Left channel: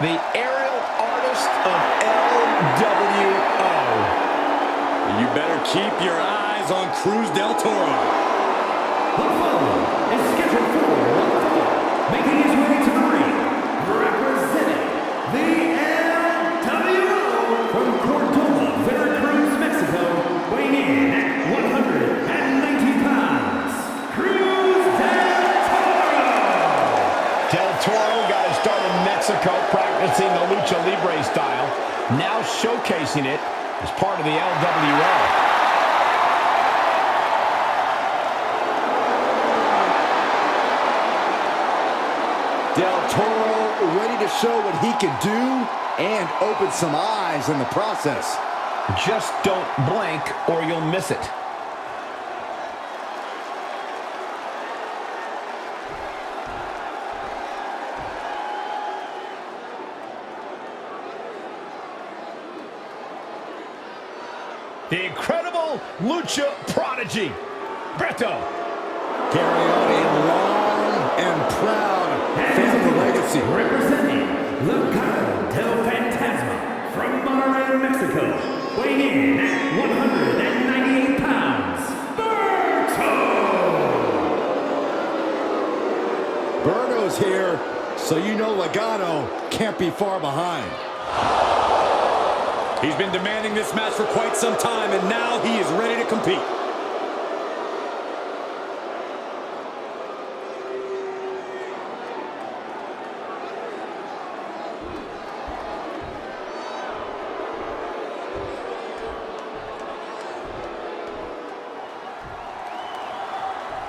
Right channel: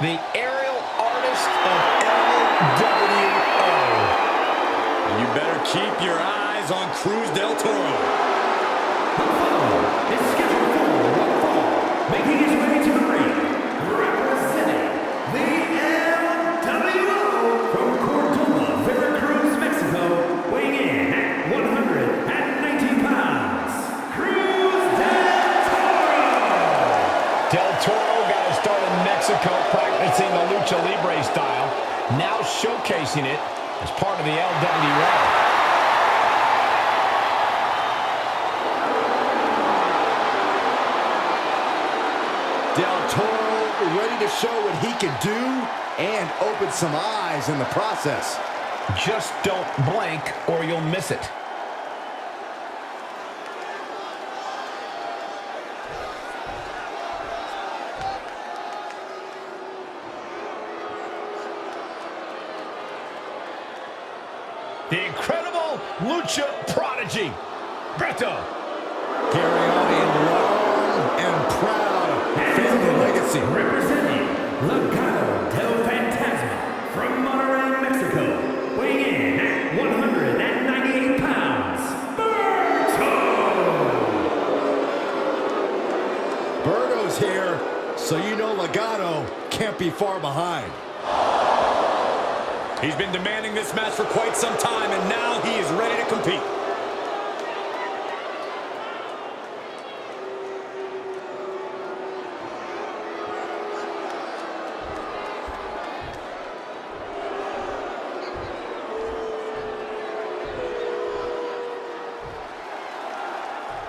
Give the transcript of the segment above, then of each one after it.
the aerial artist of LWO. You better keep your eyes on Cruz del Toro. The following is scheduled for one fall, making his way to the ring, representing the LWO from Cordoba, Veracruz, Mexico, weighing in at 190 pounds, Cruz del Toro. Del Toro got his start in Mexico practicing the Lucha Libre style, now showcasing it as part of the LWO. Del Toro ready to show what he can do and open some eyes in the process. Just don't blink or you'll miss it. The incredible Lucha Prodigy, Beto. Carrying on a long and proud family legacy. Representing Legado del Fantasma from Monterrey, Mexico, weighing in at 198 pounds, Berto! Berto's here, so you know Legado can't be far behind. He's been demanding this match for quite some time, and now he is ready to compete.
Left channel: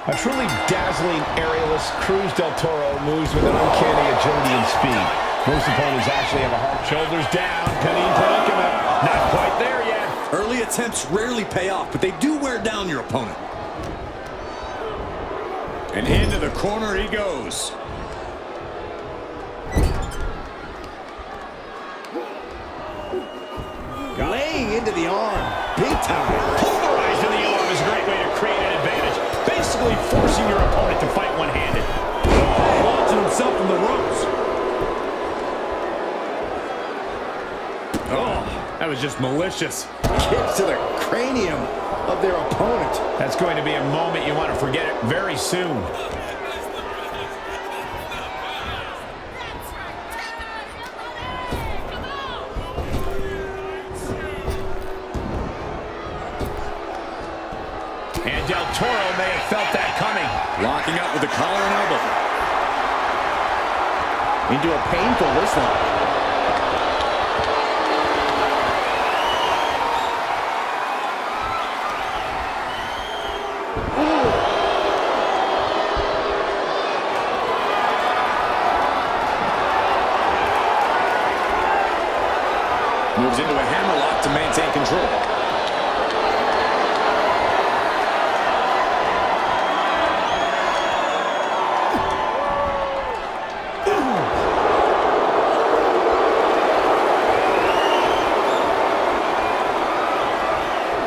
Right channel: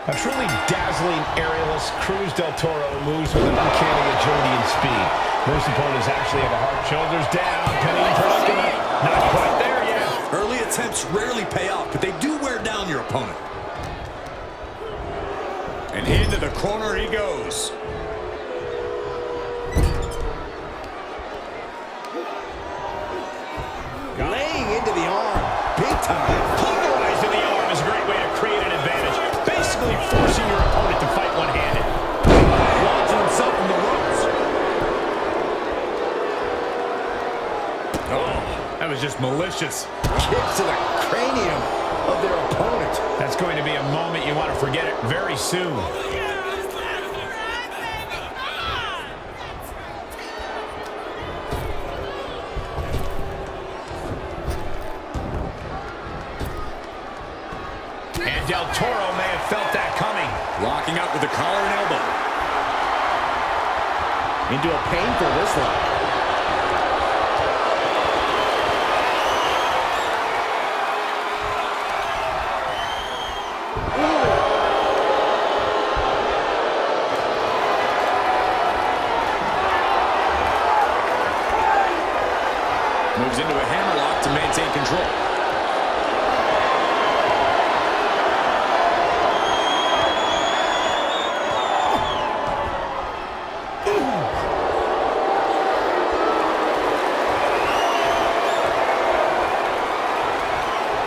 A truly dazzling aerialist, Cruz del Toro moves with an uncanny agility and speed. Most opponents actually have a hard shoulders down, penny predicament. Not quite there yet. Early attempts rarely pay off, but they do wear down your opponent. And into the corner he goes. Laying into the arm, big time. Pulverizing the arm is a great way to create an advantage. Basically forcing your opponent to fight one-handed. Launching himself from the ropes. Oh, that was just malicious. Kicks to the cranium of their opponent. That's going to be a moment you want to forget it very soon. And Del Toro may have felt that coming. Locking up with the collar and elbow. Into a painful wrist lock. Moves into a hammerlock to maintain control.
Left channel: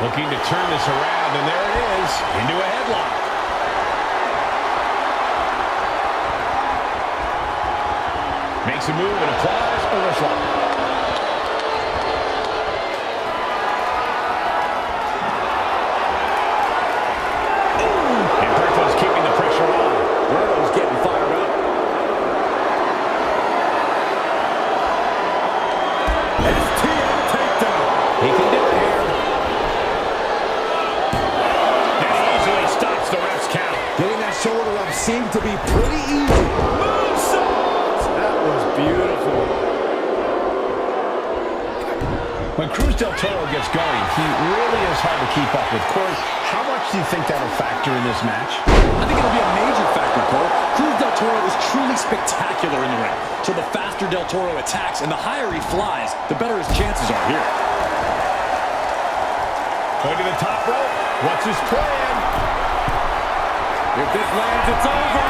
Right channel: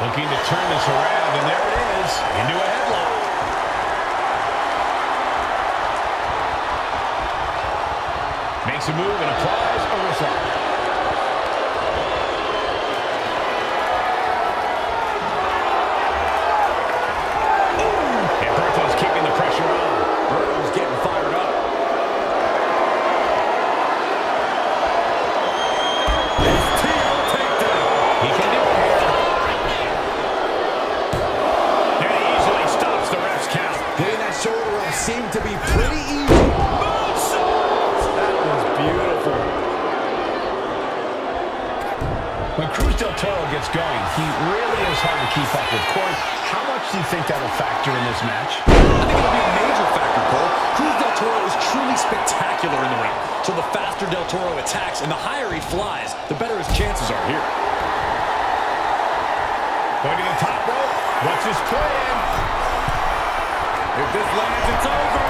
Looking to turn this around, and there it is, into a headlock. Makes a move and applies a wrist lock. And Berto's keeping the pressure on. Berto's getting fired up. STO takedown. He can do it here. And he easily stops the ref's count. Getting that shoulder up seemed to be pretty easy. Moonsault! That was beautiful. When Cruz del Toro gets going, he really is hard to keep up with. Corey, how much do you think that'll factor in this match? I think it'll be a major factor, Cole. Cruz del Toro is truly spectacular in the ring. So the faster del Toro attacks and the higher he flies, the better his chances are here. Going to the top rope. What's his plan? If this lands, it's over.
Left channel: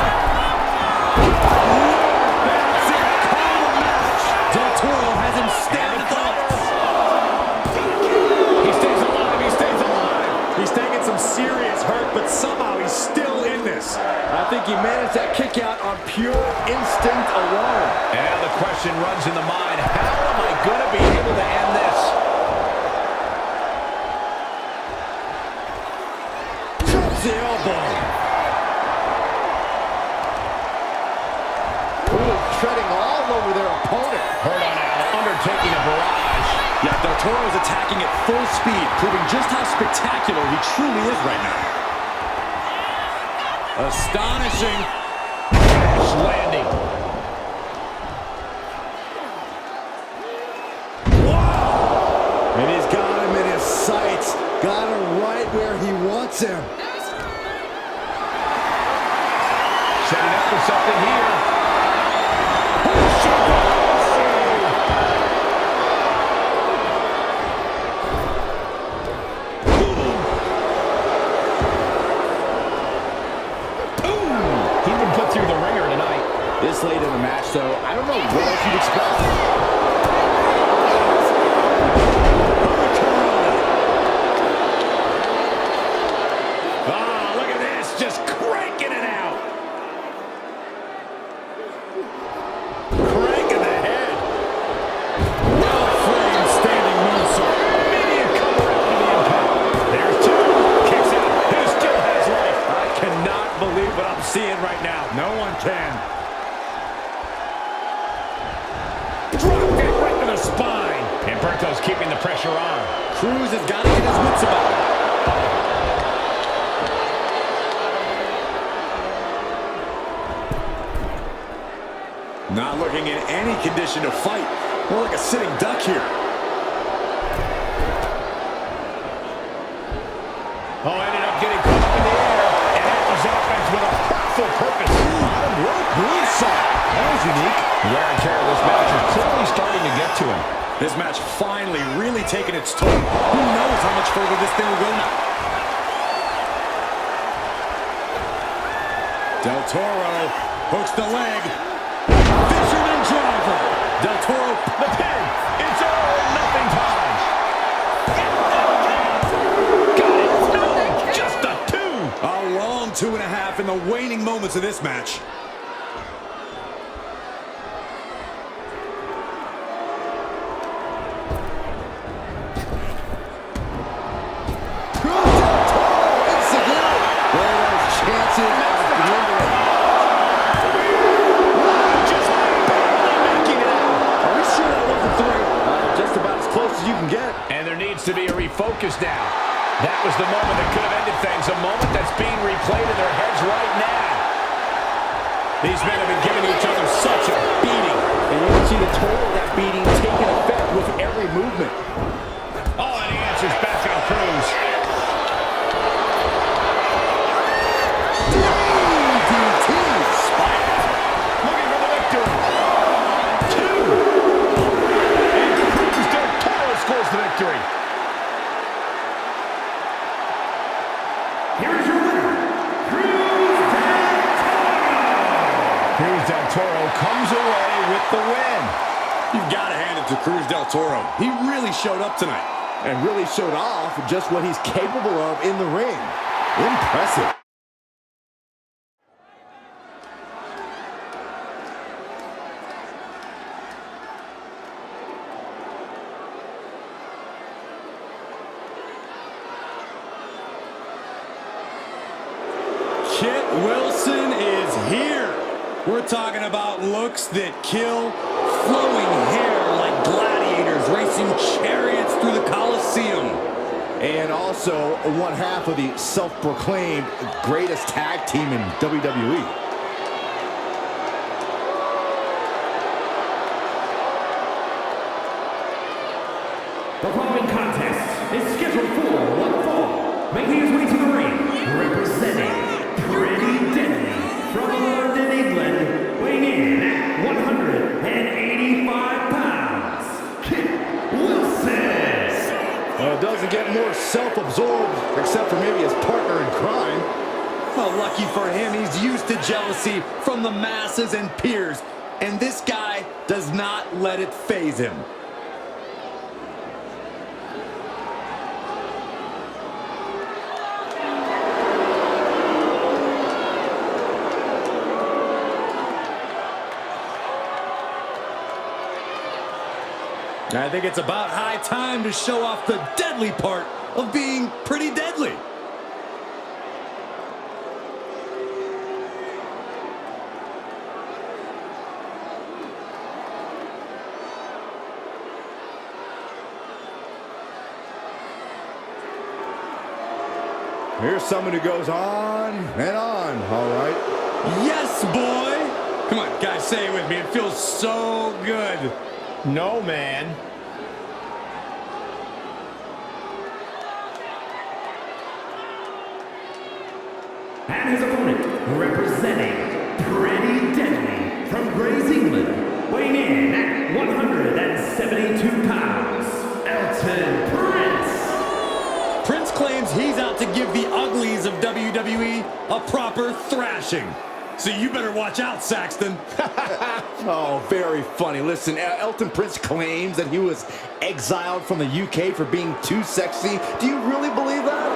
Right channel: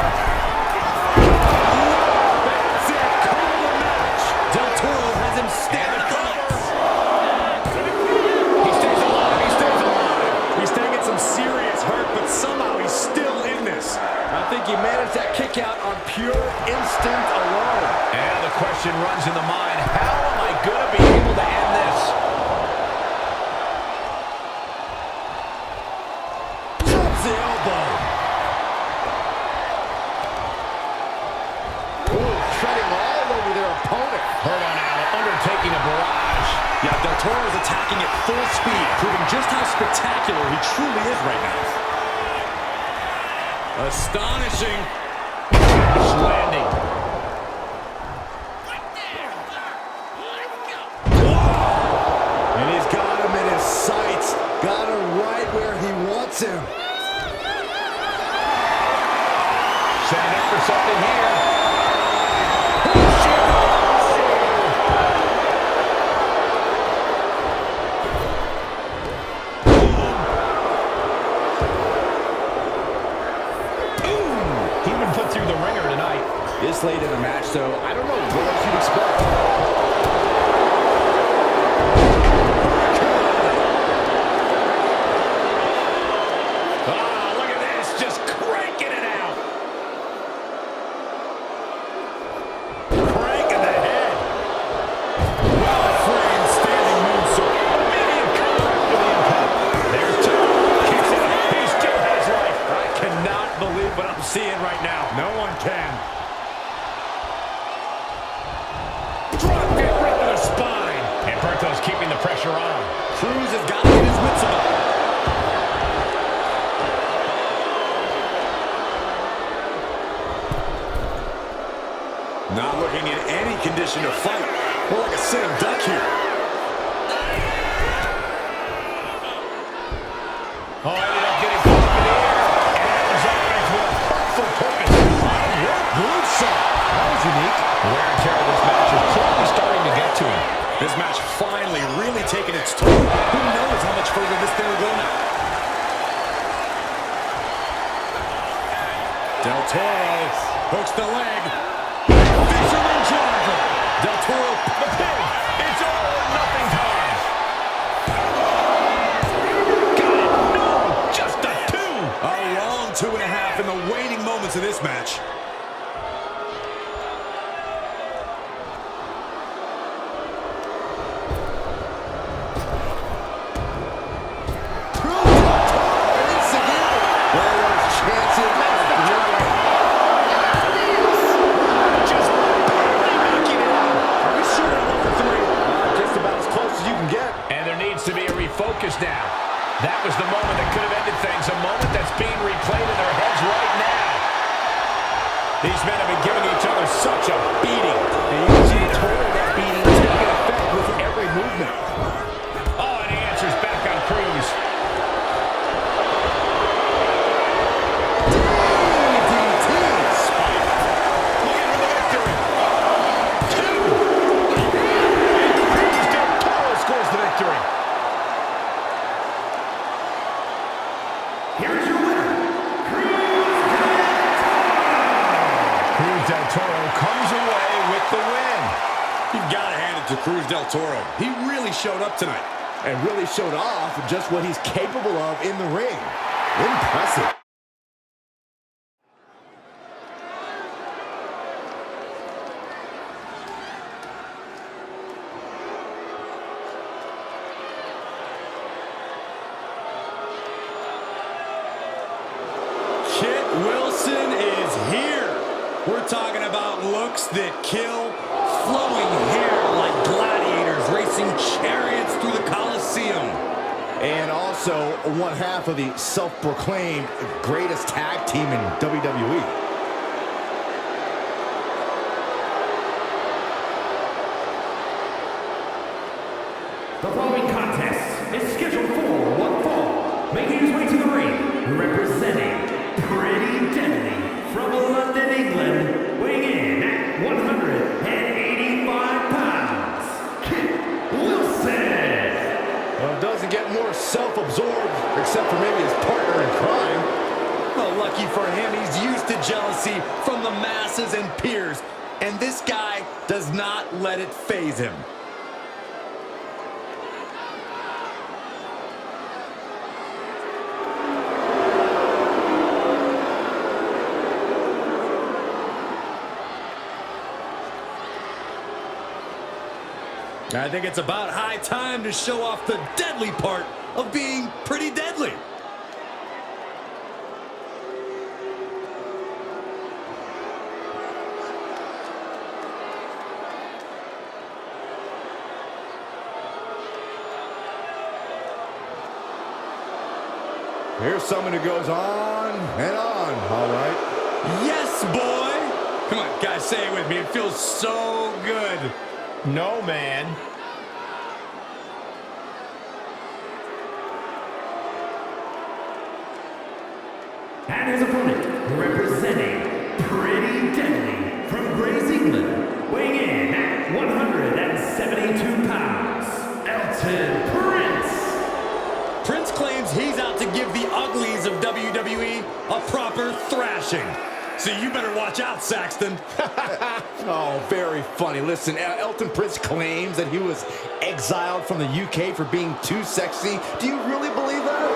Good Lord, that's it. Call the match. Del Toro has him staring at the lights. He stays alive. He stays alive. He's taking some serious hurt, but somehow he's still in this. I think he managed that kick out on pure instinct alone. And now the question runs in the mind, how am I going to be able to end this? Drops the elbow. Ooh, treading all over their opponent. Hurt on Al, undertaking a barrage. Yeah, Del Toro's attacking at full speed, proving just how spectacular he truly is right now. Astonishing. Crash landing. Wow! And he's got him in his sights. Got him right where he wants him. Setting up for something here. He's been put through the ringer tonight. This late in the match, though, I don't know what else you'd expect. Ah, look at this, just cranking it out. Cranking the head. Well-framed standing moonsault. Immediate cover after the impact. There's two. Kicks out. He still has life. I cannot believe what I'm seeing right now. No one can. Drop kick right to the spine. And Berto's keeping the pressure on. Cruz has got to get his wits about him. Not looking in any condition to fight. More like a sitting duck here. Oh, ended up getting caught up in the air. And that was offense with a hurtful purpose. Bottom rope moonsault. That was unique. Wear and tear of this match is clearly starting to get to him. This match finally really taking its toll. Who knows how much further this thing will go now? Del Toro hooks the leg. Fisherman driver. Del Toro, The pin. It's all or nothing time. Got it. No, just a two. a long 2.5 in the waning moments of this match. Chances are dwindling. Wow, just barely making it out. Are we sure that wasn't three? Just about as close as you can get. And there needs to be a refocus now. That was the moment that could have ended things, a moment that's being replayed in their heads right now. These men have been giving each other such a beating. And you can see the toll of that beating taking effect with every movement. Oh, and he answers back on Cruz. Looking for the victory. 2. And Cruz Del Toro scores the victory. Here is your winner, Cruz Del Toro. Cruz Del Toro comes away with the win. You've got to hand it to Cruz Del Toro. He really showed up tonight. And really showed off just what he's capable of in the ring. Impressive. Kit Wilson is here. We're talking about looks that kill, flowing hair like gladiators racing chariots through the Coliseum. And also one half of the self-proclaimed greatest tag team in WWE. The following contest is scheduled for one fall. Making his way to the ring, representing Pretty Deadly from London, England, weighing in at 185 pounds, Kit Wilson. Well, it doesn't get more self-absorbed, except for maybe his partner in crime. Well, lucky for him, he's used to jealousy from the masses and peers, and this guy does not let it faze him. I think it's about high time to show off the deadly part of being pretty deadly. Here's someone who goes on and on, all right? Yes, boy! Come on, guys, say it with me. It feels so good. No, man. And his opponent, representing Pretty Deadly from Grays, England, weighing in at 172 pounds, Elton Prince. Prince claims he's out to give the uglies of WWE a proper thrashing. So you better watch out, Saxton. Oh, very funny. Listen, Elton Prince claims that he was exiled from the UK for being too sexy. Do you really believe that?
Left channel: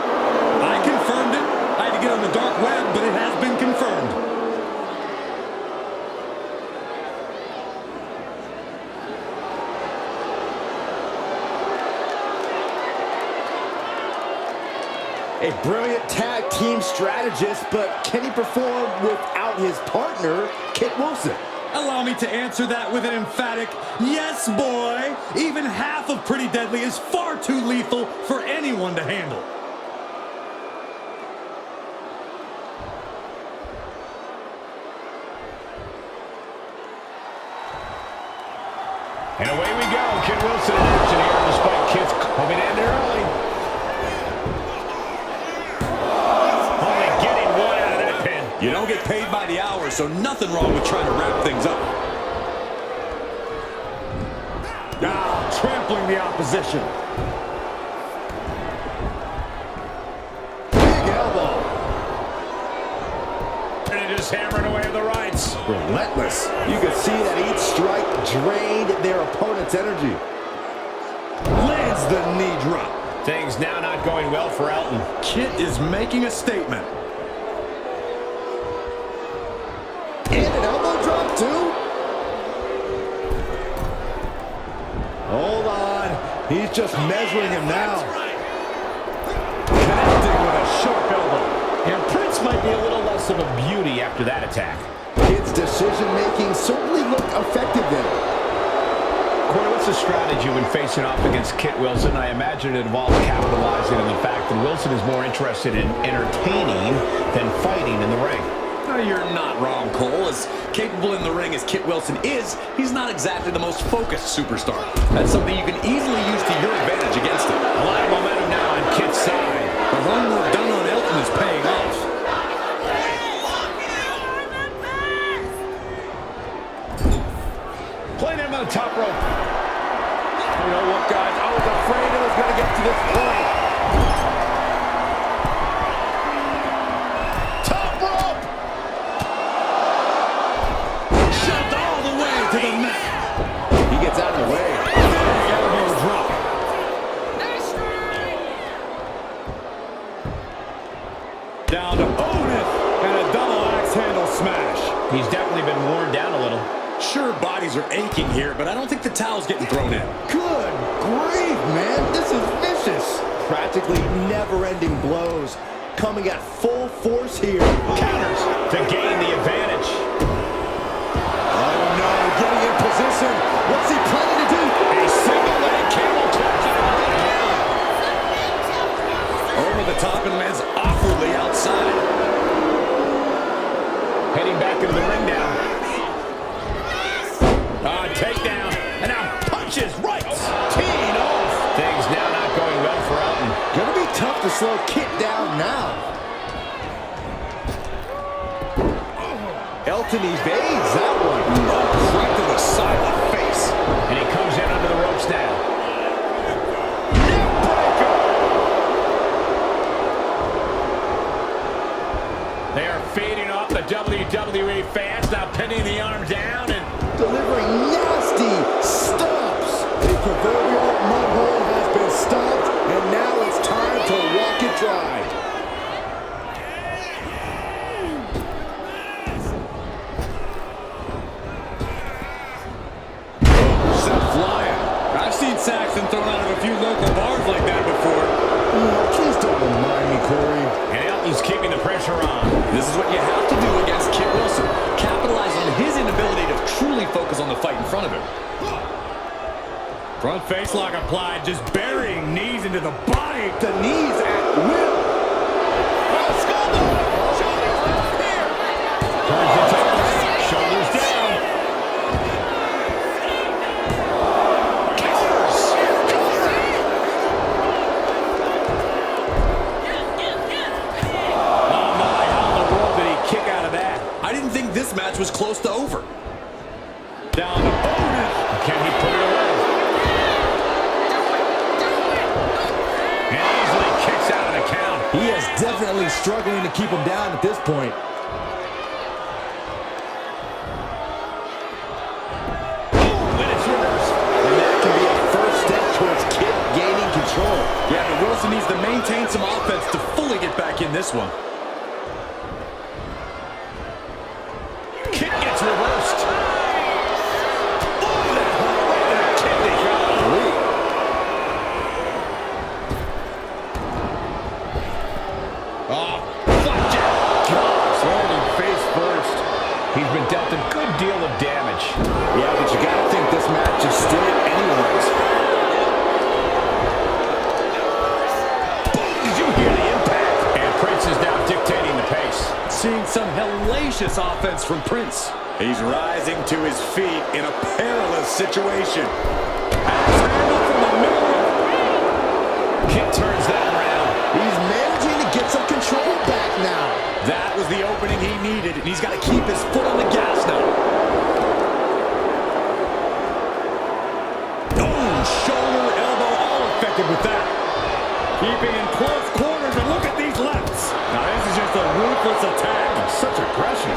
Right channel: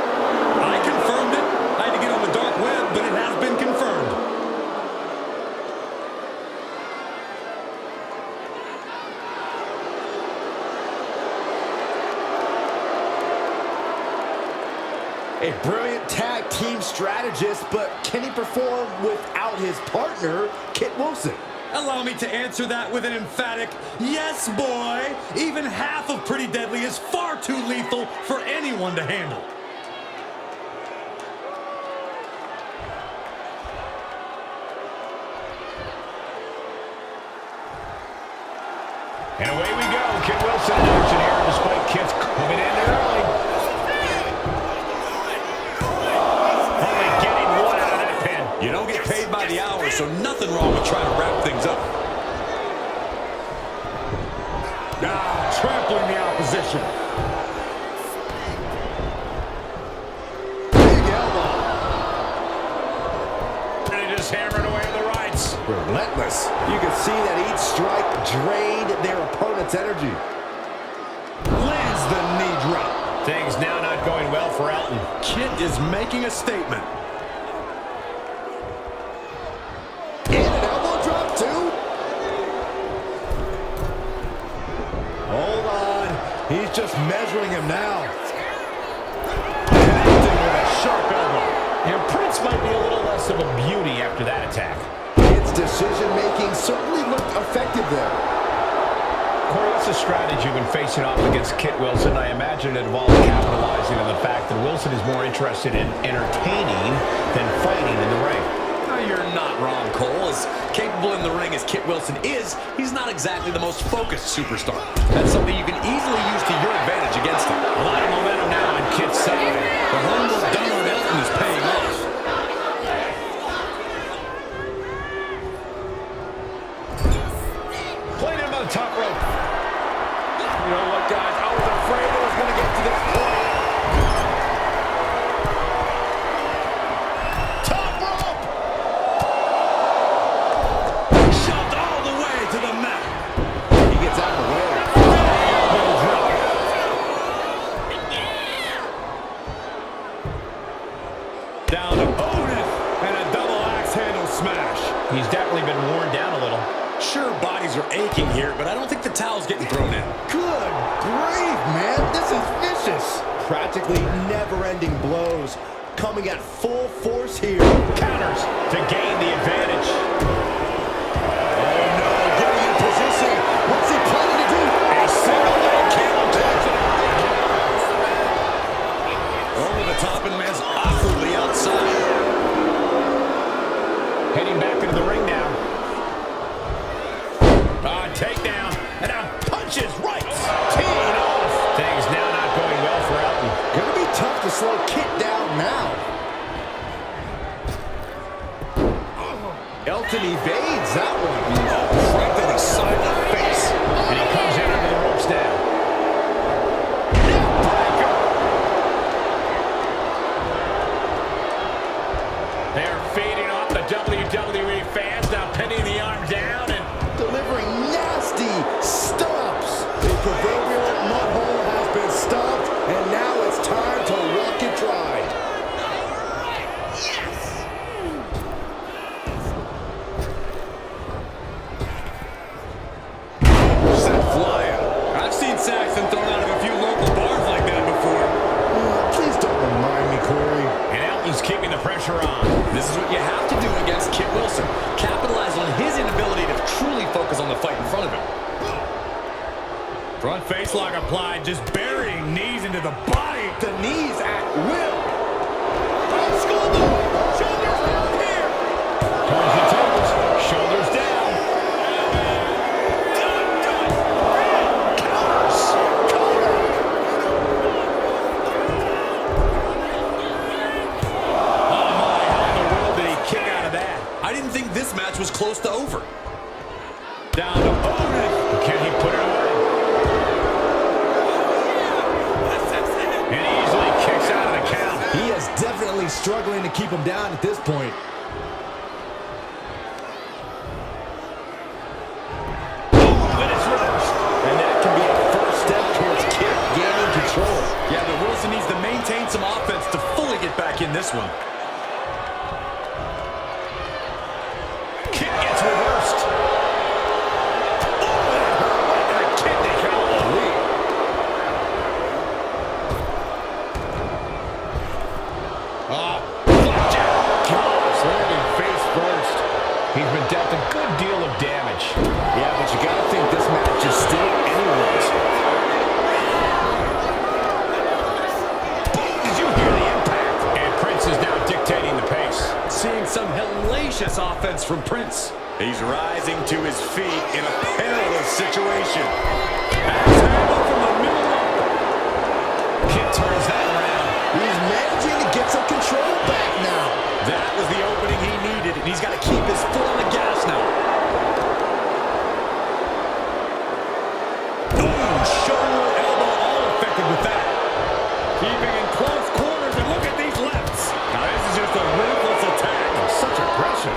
I confirmed it. I had to get on the dark web, but it has been confirmed. A brilliant tag team strategist, but can he perform without his partner, Kit Wilson? Allow me to answer that with an emphatic yes, boy. Even half of Pretty Deadly is far too lethal for anyone to handle. And away we go. Kit Wilson in action here, despite Kit's hoping to end it early. Only getting one out of that pin. You don't get paid by the hour, so nothing wrong with trying to wrap things up. Now, trampling the opposition. Big elbow. And he just hammering away with the rights. Relentless. You can see that each strike drained their opponent's energy. Lands the knee drop. Things now not going well for Elton. Kit is making a statement. And an elbow drop, too. Hold on. He's just measuring him now. Connecting with a sharp elbow. And Prince might be a little less of a beauty after that attack. Kit's decision-making certainly looked effective there. Corey, what's the strategy when facing off against Kit Wilson? I imagine it involves capitalizing on the fact that Wilson is more interested in entertaining than fighting in the ring. No, you're not wrong, Cole. As capable in the ring as Kit Wilson is, he's not exactly the most focused superstar. That's something you can easily use to your advantage against him. A lot of momentum now on Kit's side. The homework done on Elton is paying off. Playing him on the top rope. You know what, guys? I was afraid it was going to get to this point. Top rope! Shoved all the way to the mat. He gets out of the way. Big elbow drop. Down to opponent and a double axe handle smash. He's definitely been worn down a little. Sure, bodies are aching here, but I don't think the towel's getting thrown in. Good grief, man. This is vicious. Practically never-ending blows coming at full force here. Counters to gain the advantage. Oh, no. Getting in position. What's he planning to do? A single leg camel clutch and a great counter. Over the top and lands awkwardly outside. Heading back into the ring now. Takedown, and now punches right. Teeing off. Things now not going well for Elton. Gonna be tough to slow Kit down now. Elton evades that one. Oh, right to the side of the face. And he comes in under the ropes now. Neck breaker. They are feeding off the WWE fans, now pinning the arm down and delivering nasty stomps. The proverbial mud hole has been stomped, and now it's time to walk it dry. Oh, sent flying. I've seen Saxton thrown out of a few local bars like that before. Please don't remind me, Corey. And Elton's keeping the pressure on. This is what you have to do against Kit Wilson. Capitalize on his inability to truly focus on the fight in front of him. Front face lock applied, just burying knees into the body. The knees at will. Oh, schoolboy! Shoulders down here! Turns the tables. Shoulders down. Counters! Cover! Oh my, how in the world did he kick out of that? I didn't think this match was close to over. Down opponent. Can he put it away? And easily kicks out of the count. He is definitely struggling to keep him down at this point. Boom, and it's reversed. And that can be a first step towards Kit gaining control. Yeah, but Wilson needs to maintain some offense to fully get back in this one. Kit gets reversed. Oh, that hurt right to the kidney. Golly. Oh, flapjack. Gosh, landing face first. He's been dealt a good deal of damage. Yeah, but you got to think this match is still anyone's. Boom, did you hear the impact? And Prince is now dictating the pace. Seeing some hellacious offense from Prince. He's rising to his feet in a perilous situation. Axe handle from the middle rope. Kit turns that around. He's managing to get some control back now. That was the opening he needed, and he's got to keep his foot on the gas now. Oh, shoulder, elbow, all affected with that. Keeping in close quarters, and look at these lefts. Now this is just a ruthless attack. Such aggression.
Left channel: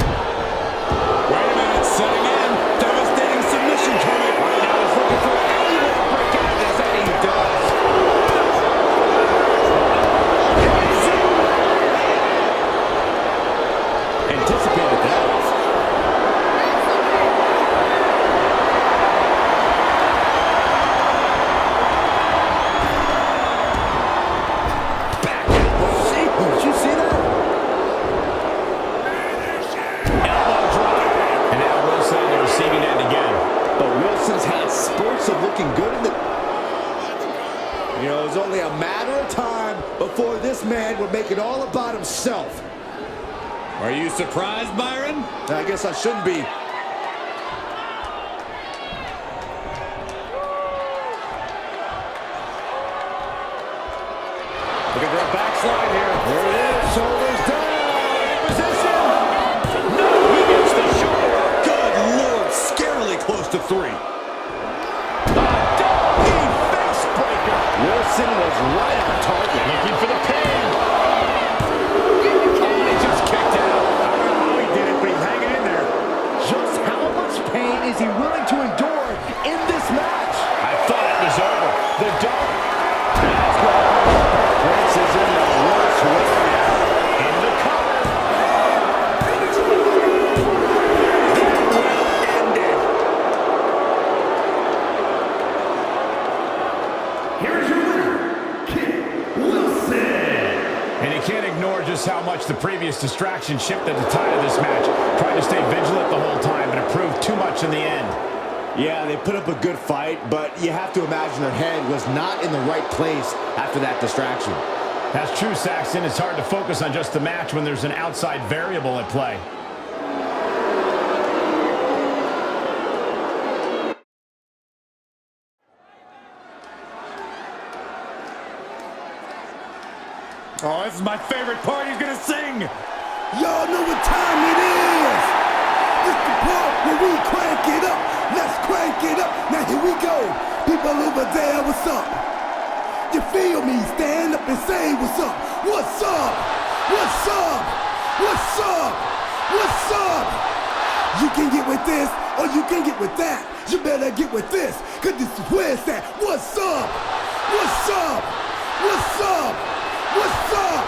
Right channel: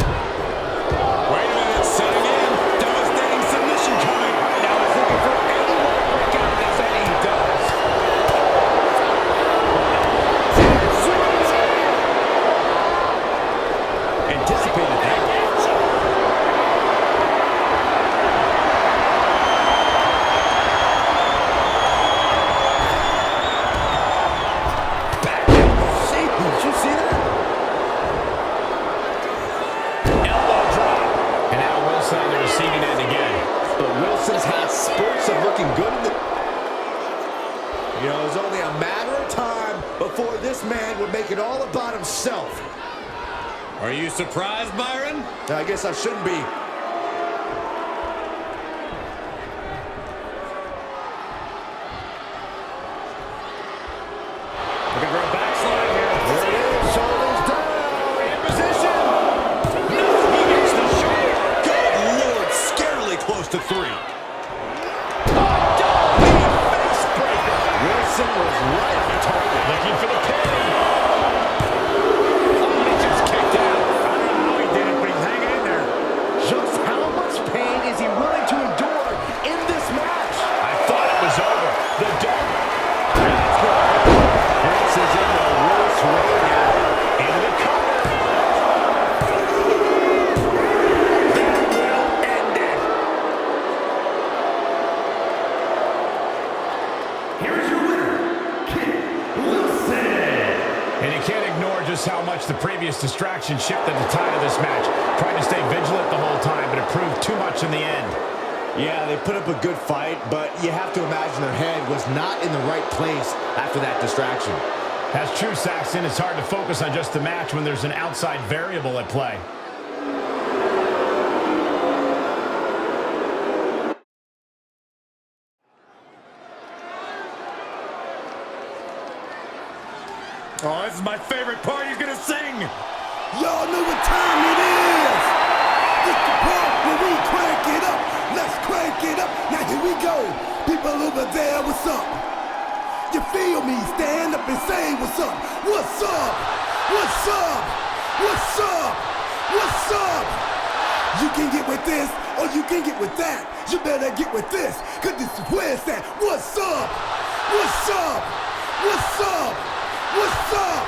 Wait a minute, setting in. Devastating submission coming. Right now he's looking for anyone to break out of this, and he does. Anticipated that. Back elbow. Did you see that? Elbow drop. And now Wilson on the receiving end again. But Wilson's had spurts of looking good in the... You know, it was only a matter of time before this man would make it all about himself. Are you surprised, Byron? I guess I shouldn't be. Looking for a backslide here. There it is, shoulders down. In position. No, he gets the shoulder up. Good Lord, scarily close to 3. A double knee face breaker. Wilson was right on target. Looking for the pin. Oh, and he just kicked out. I don't know how he did it, but he's hanging in there. Just how much pain is he willing to endure in this match? I thought it was over. The double. That's gonna hurt. Prince is in the worst way now. Into the cover. That will end it. Here is your winner, Kit Wilson. And you can't ignore just how much the previous distraction shifted the tide of this match. Tried to stay vigilant the whole time, but it proved too much in the end. Yeah, they put up a good fight, but you have to imagine their head was not in the right place after that distraction. That's true, Saxton. It's hard to focus on just the match when there's an outside variable at play. Oh, this is my favorite part. He's gonna sing. Y'all know what time it is. This the part where we crank it up. Let's crank it up. Now here we go. People over there, what's up? You feel me? Stand up and say what's up. What's up? What's up? What's up? What's up? You can get with this or you can get with that. You better get with this, cause this is where it's at. What's up? What's up? What's up? What's up?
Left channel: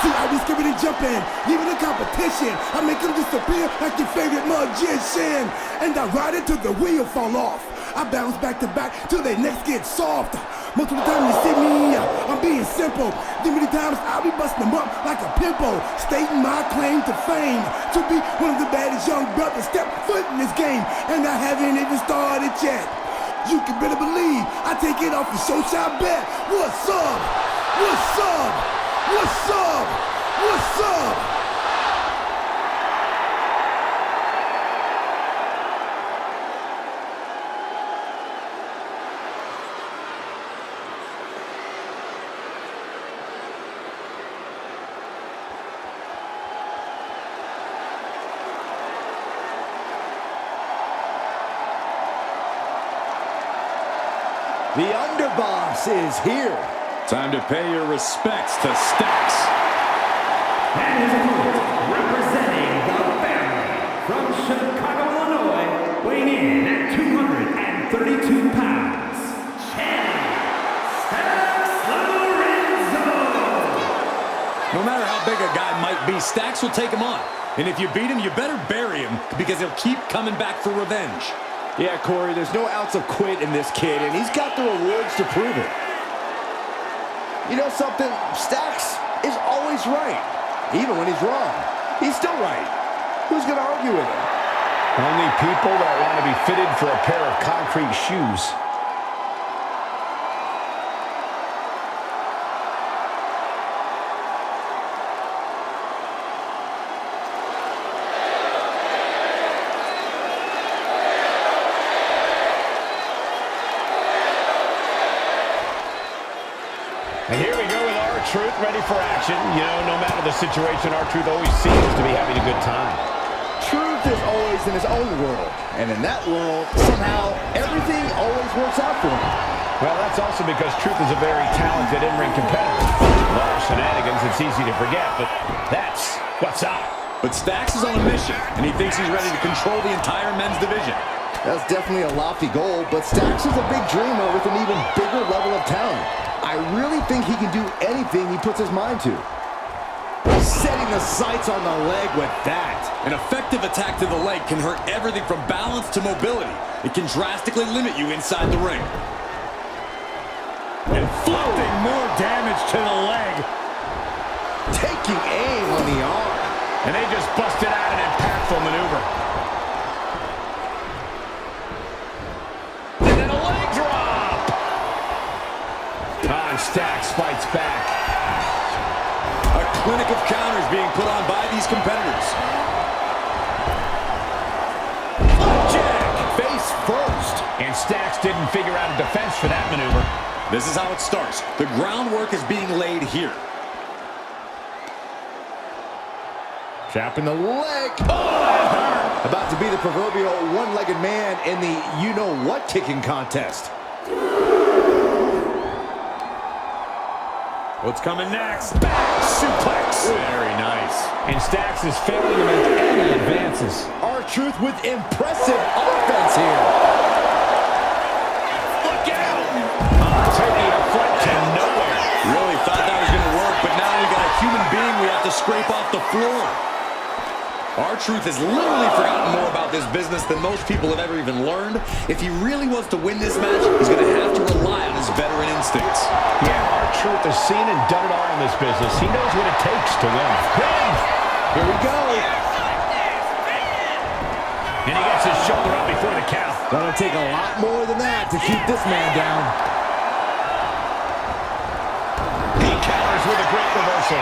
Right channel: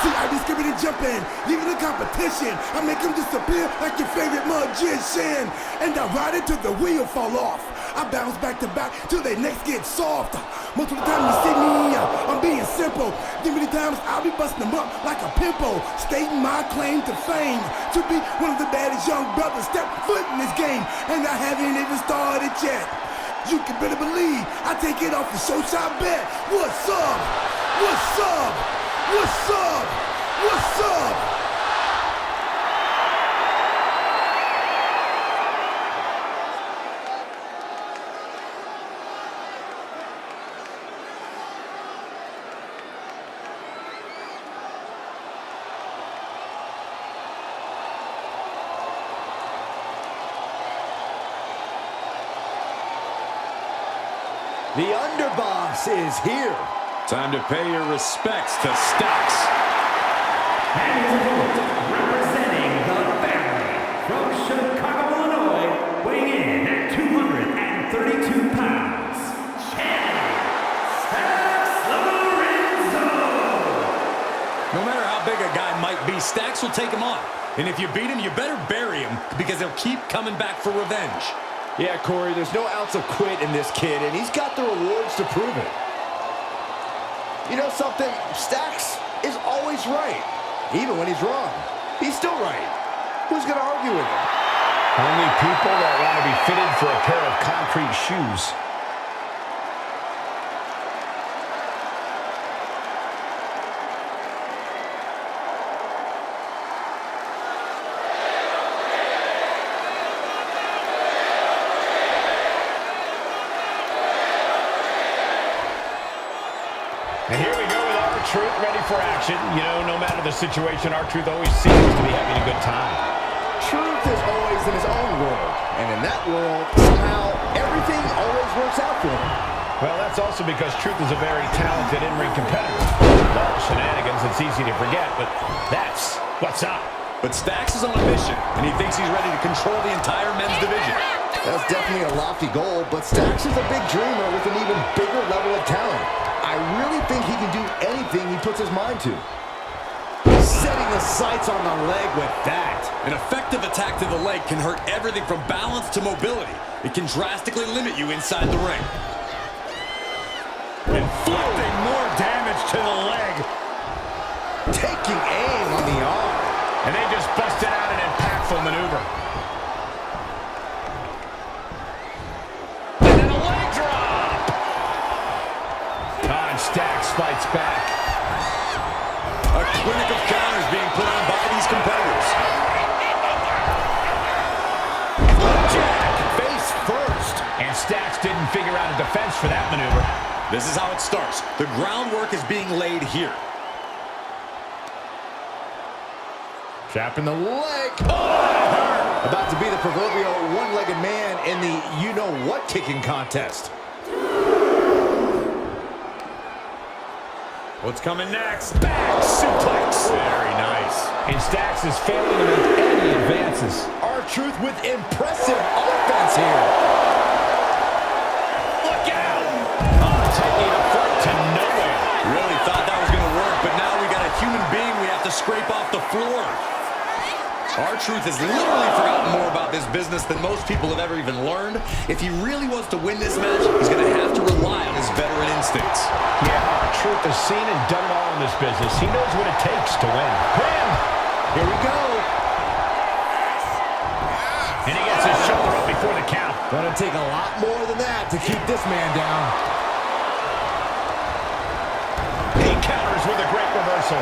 See, I be skipping and jumping, leaving the competition. I make them disappear like your favorite magician. And I ride it till the wheel fall off. I bounce back to back till their necks get soft. Most of the time you see me, I'm being simple. Then many times I'll be busting them up like a pimple, stating my claim to fame, to be one of the baddest young brothers step foot in this game, and I haven't even started yet. You can better believe I take it off for show shot bet. What's up? What's up? What's up? What's up? The underboss is here. Time to pay your respects to Stacks. And his opponent, representing the family, from Chicago, Illinois, weighing in at 232 pounds, Channing Stacks Lorenzo. No matter how big a guy might be, Stacks will take him on. And if you beat him, you better bury him, because he'll keep coming back for revenge. Yeah, Corey, there's no ounce of quit in this kid, and he's got the rewards to prove it. You know something? Stacks is always right. Even when he's wrong, he's still right. Who's going to argue with him? Only people that want to be fitted for a pair of concrete shoes. And here we go with R-Truth ready for action. You know, no matter the situation, R-Truth always seems to be having a good time. Truth is always in his own world, and in that world, somehow, everything always works out for him. Well, that's also because Truth is a very talented in-ring competitor. With all shenanigans, it's easy to forget, but that's what's up. But Stacks is on a mission, and he thinks he's ready to control the entire men's division. That's definitely a lofty goal, but Stacks is a big dreamer with an even bigger level of talent. I really think he can do anything he puts his mind to. Setting the sights on the leg with that. An effective attack to the leg can hurt everything from balance to mobility. It can drastically limit you inside the ring. Inflicting more damage to the leg. Taking aim on the arm. And they just busted out an impactful maneuver. And then a leg drop. And Stacks fights back. A clinic of counters being put on by these competitors. Flapjack! Face first. And Stacks didn't figure out a defense for that maneuver. This is how it starts. The groundwork is being laid here. Trapping the leg. Oh, that hurt. About to be the proverbial one-legged man in the you-know-what kicking contest. What's coming next? Back suplex. Very nice. And Stacks is failing to make any advances. R-Truth with impressive offense here. Look out! Taking a flight to nowhere. Really thought that was going to work, but now we got a human being we have to scrape off the floor. R-Truth has literally forgotten more about this business than most people have ever even learned. If he really wants to win this match, he's going to have to rely on his veteran instincts. Yeah, R-Truth has seen and done it all in this business. He knows what it takes to win. Pin! Here we go. And he gets his shoulder up before the count. Gonna take a lot more than that to keep this man down. He counters with a great reversal.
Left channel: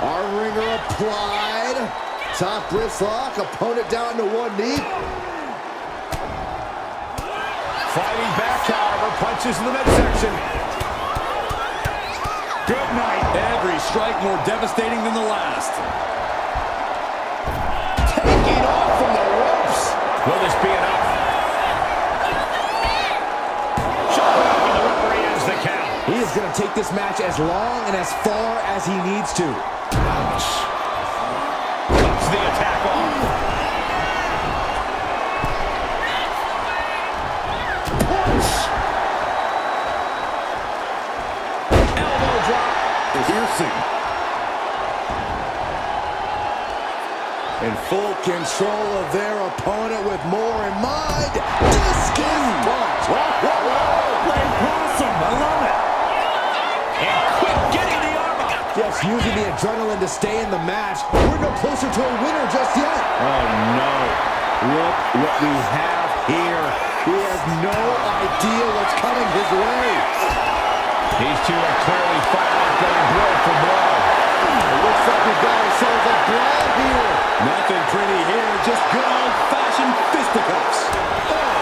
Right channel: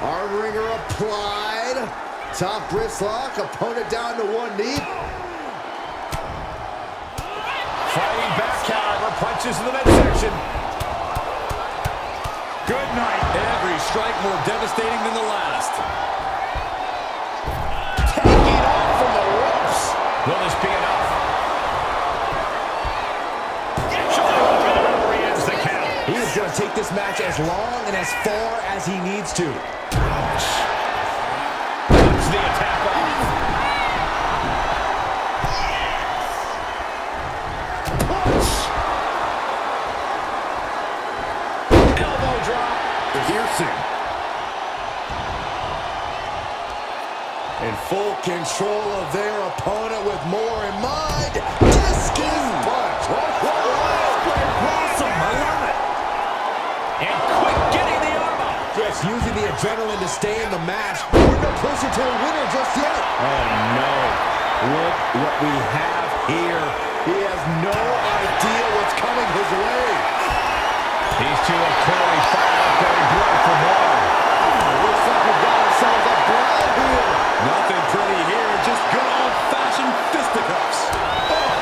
Our ringer applied. Top wrist lock. Opponent down to one knee. Fighting back, however. Punches in the midsection. Good night. Every strike more devastating than the last. Taking off from the ropes. Will this be enough? Shoulder up, and the referee ends the count. He is going to take this match as long and as far as he needs to. Ouch. Cuts the attack off. Punch. Elbow drop. Piercing. In full control of their opponent with more in mind. Discus punch. Whoa, whoa, whoa. Playing possum. I love it. And quick getting the arm up. Just using the adrenaline to stay in the match. We're no closer to a winner just yet. Oh, no. Look what we have here. He has no idea what's coming his way. These two are clearly fired up, going blow for blow. It looks like we've got ourselves a brawl here. Nothing pretty here, just good old-fashioned fisticuffs. Oh.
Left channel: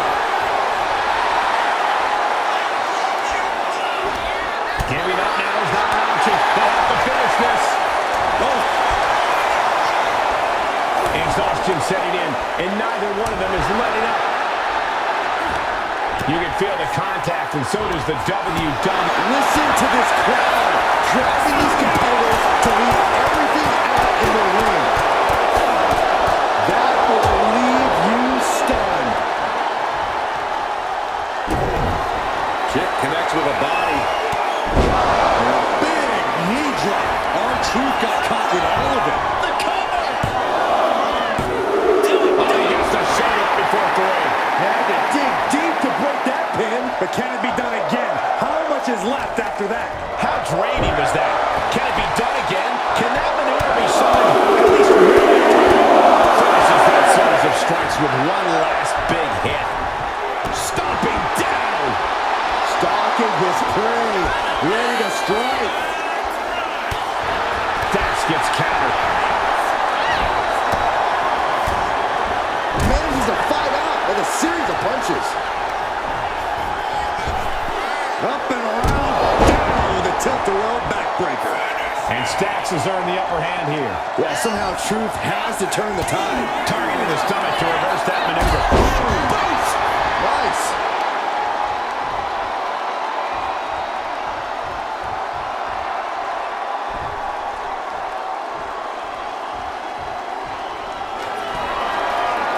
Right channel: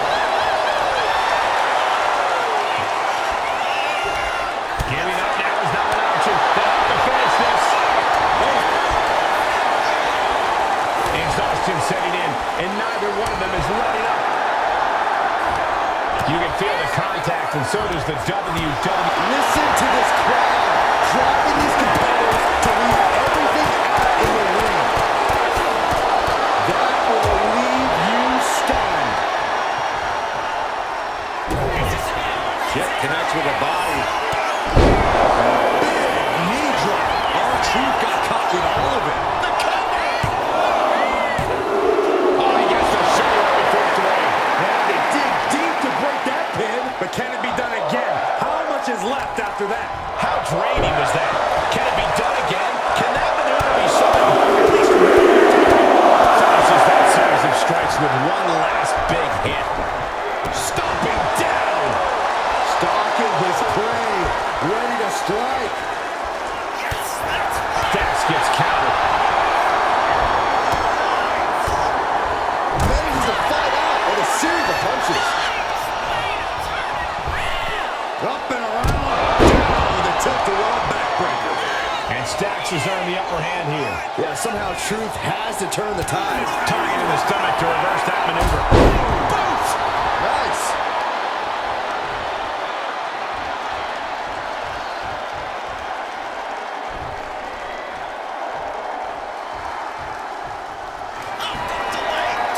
Giving up now is not an option. They have to finish this. Oh. Exhaustion setting in, and neither one of them is letting up. You can feel the contact, and so does the WWE. Listen to this crowd driving these competitors to leave everything out in the ring. That will leave you stunned. Kick connects with a body. And a big knee drop. R-Truth got caught with all of it. The cover! Oh, he gets the shoulder up before three. Had to dig deep to break that pin. But can it be done again? How much is left after that? How draining was that? Can it be done again? Can that maneuver be summoned at least one more time? Finishes that series of strikes with one last big hit. Stomping down. Stalking his prey. Ready to strike. Dax gets countered. Manages to fight out with a series of punches. Up and around, down with a tilt-the-world backbreaker. And Stax has earned the upper hand here. Yeah, somehow Truth has to turn the tide. Targeting the stomach to reverse that maneuver. Boom! Boots! Nice.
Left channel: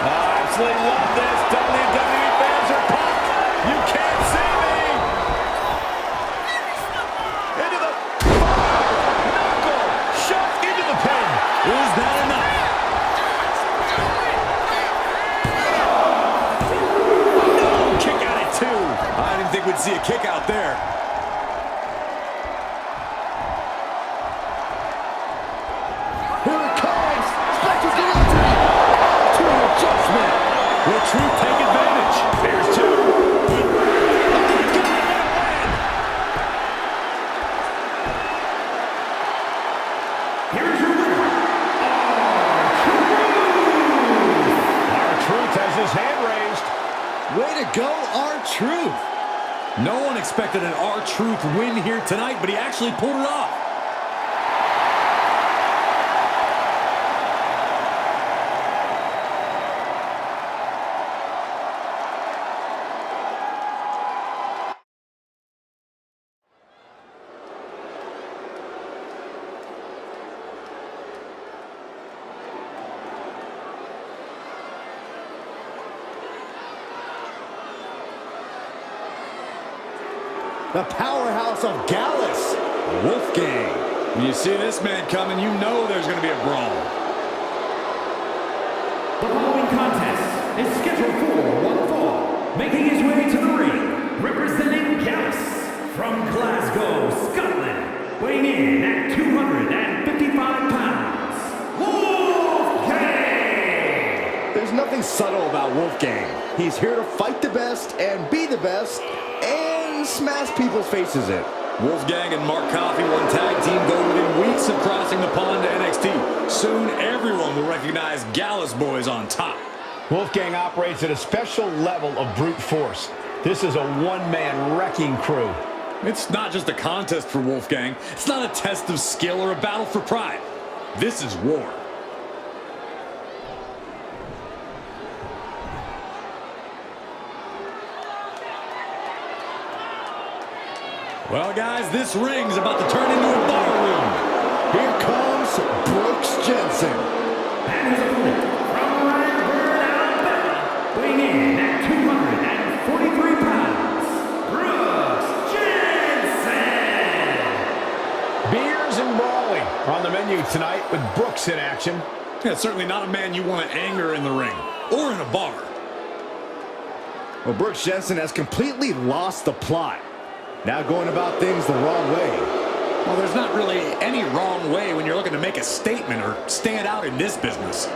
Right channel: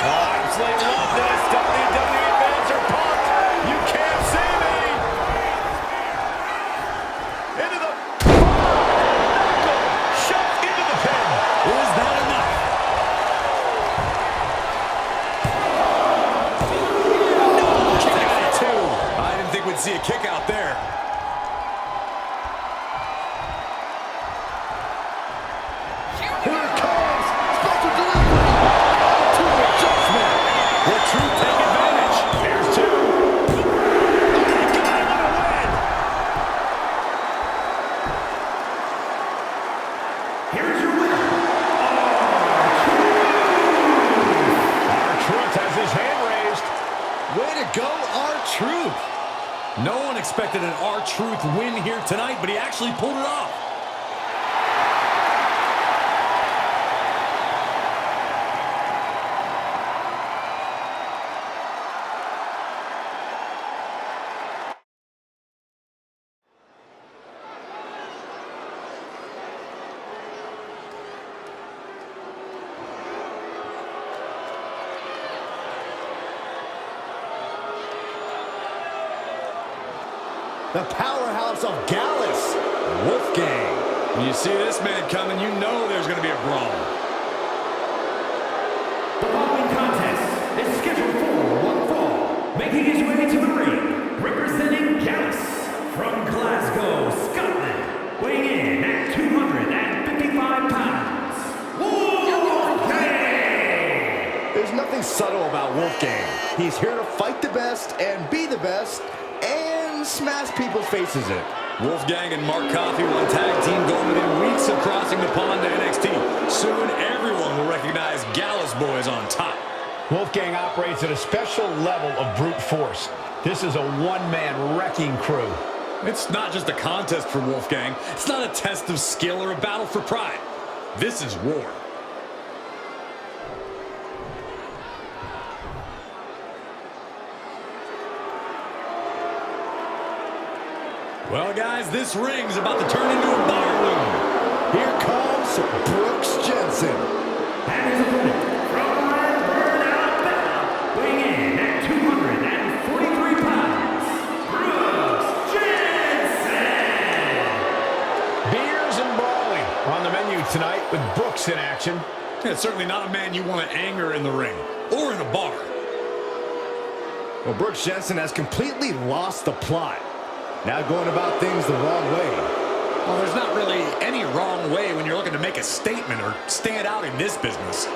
Oh, absolutely love this. WWE fans are pumped. You can't see me. Into the knuckle shove into the pin. Is that enough? No, kick out at two. I didn't think we'd see a kick out there. Here it comes. Special delivery. Attitude adjustment. Will Truth take advantage? There's two. Oh, he got it. What a win. Here is your winner, R-Truth. R-Truth has his hand raised. Way to go, R-Truth. No one expected an R-Truth win here tonight, but he actually pulled it off. The powerhouse of Gallus. Wolfgang. When you see this man coming, you know there's going to be a brawl. The following contest is scheduled for one fall. Making his way to the ring, representing Gallus from Glasgow, Scotland. Weighing in at 255 pounds, Wolfgang! There's nothing subtle about Wolfgang. He's here to fight the best and be the best and smash people's faces in. Wolfgang and Mark Coffey won tag team gold within weeks of crossing the pond to NXT. Soon, everyone will recognize Gallus Boys on top. Wolfgang operates at a special level of brute force. This is a one-man wrecking crew. It's not just a contest for Wolfgang. It's not a test of skill or a battle for pride. This is war. Well, guys, this ring's about to turn into a bar room. Here comes Brooks Jensen. And his opponent from Redburn, Alabama, weighing in at 243 pounds, Brooks Jensen. Beers and brawling are on the menu tonight with Brooks in action. Yeah, certainly not a man you want to anger in the ring or in a bar. Well, Brooks Jensen has completely lost the plot. Now going about things the wrong way. Well, there's not really any wrong way when you're looking to make a statement or stand out in this business.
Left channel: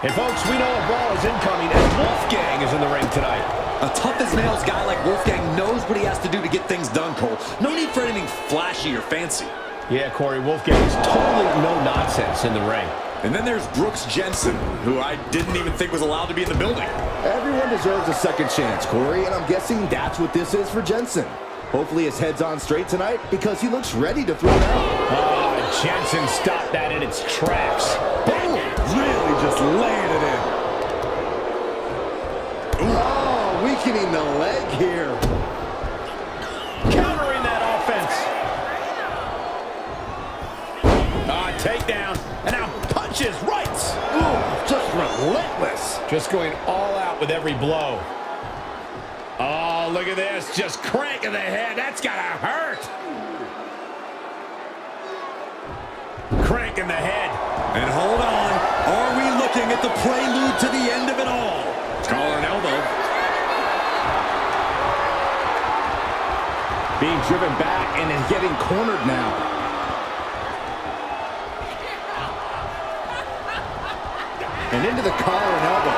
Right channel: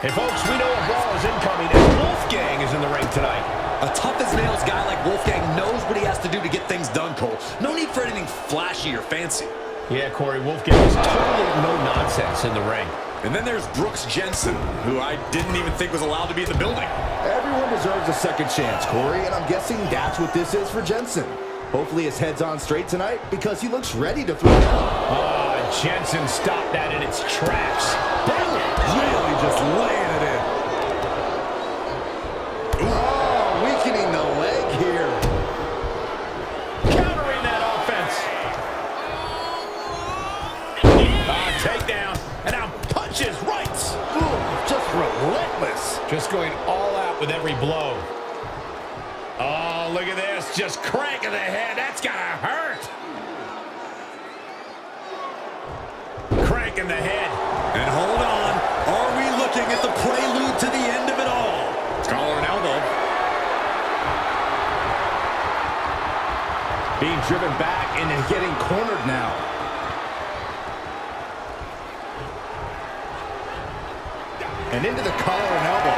Hey, folks, we know a brawl is incoming as Wolfgang is in the ring tonight. A tough-as-nails guy like Wolfgang knows what he has to do to get things done, Cole. No need for anything flashy or fancy. Yeah, Corey, Wolfgang is totally no-nonsense in the ring. And then there's Brooks Jensen, who I didn't even think was allowed to be in the building. Everyone deserves a second chance, Corey, and I'm guessing that's what this is for Jensen. Hopefully his head's on straight tonight because he looks ready to throw down. Jensen stopped that in its tracks. Boom! Really just laying it in. Oh, weakening the leg here. Countering that offense. Takedown. And now punches, rights. Ooh, just relentless. Just going all out with every blow. Oh, look at this. Just cranking the head. That's gotta hurt. Cranking the head. And hold on. Are we looking at the prelude to the end of it all? Collar and elbow. Being driven back and getting cornered now. And into the collar and elbow.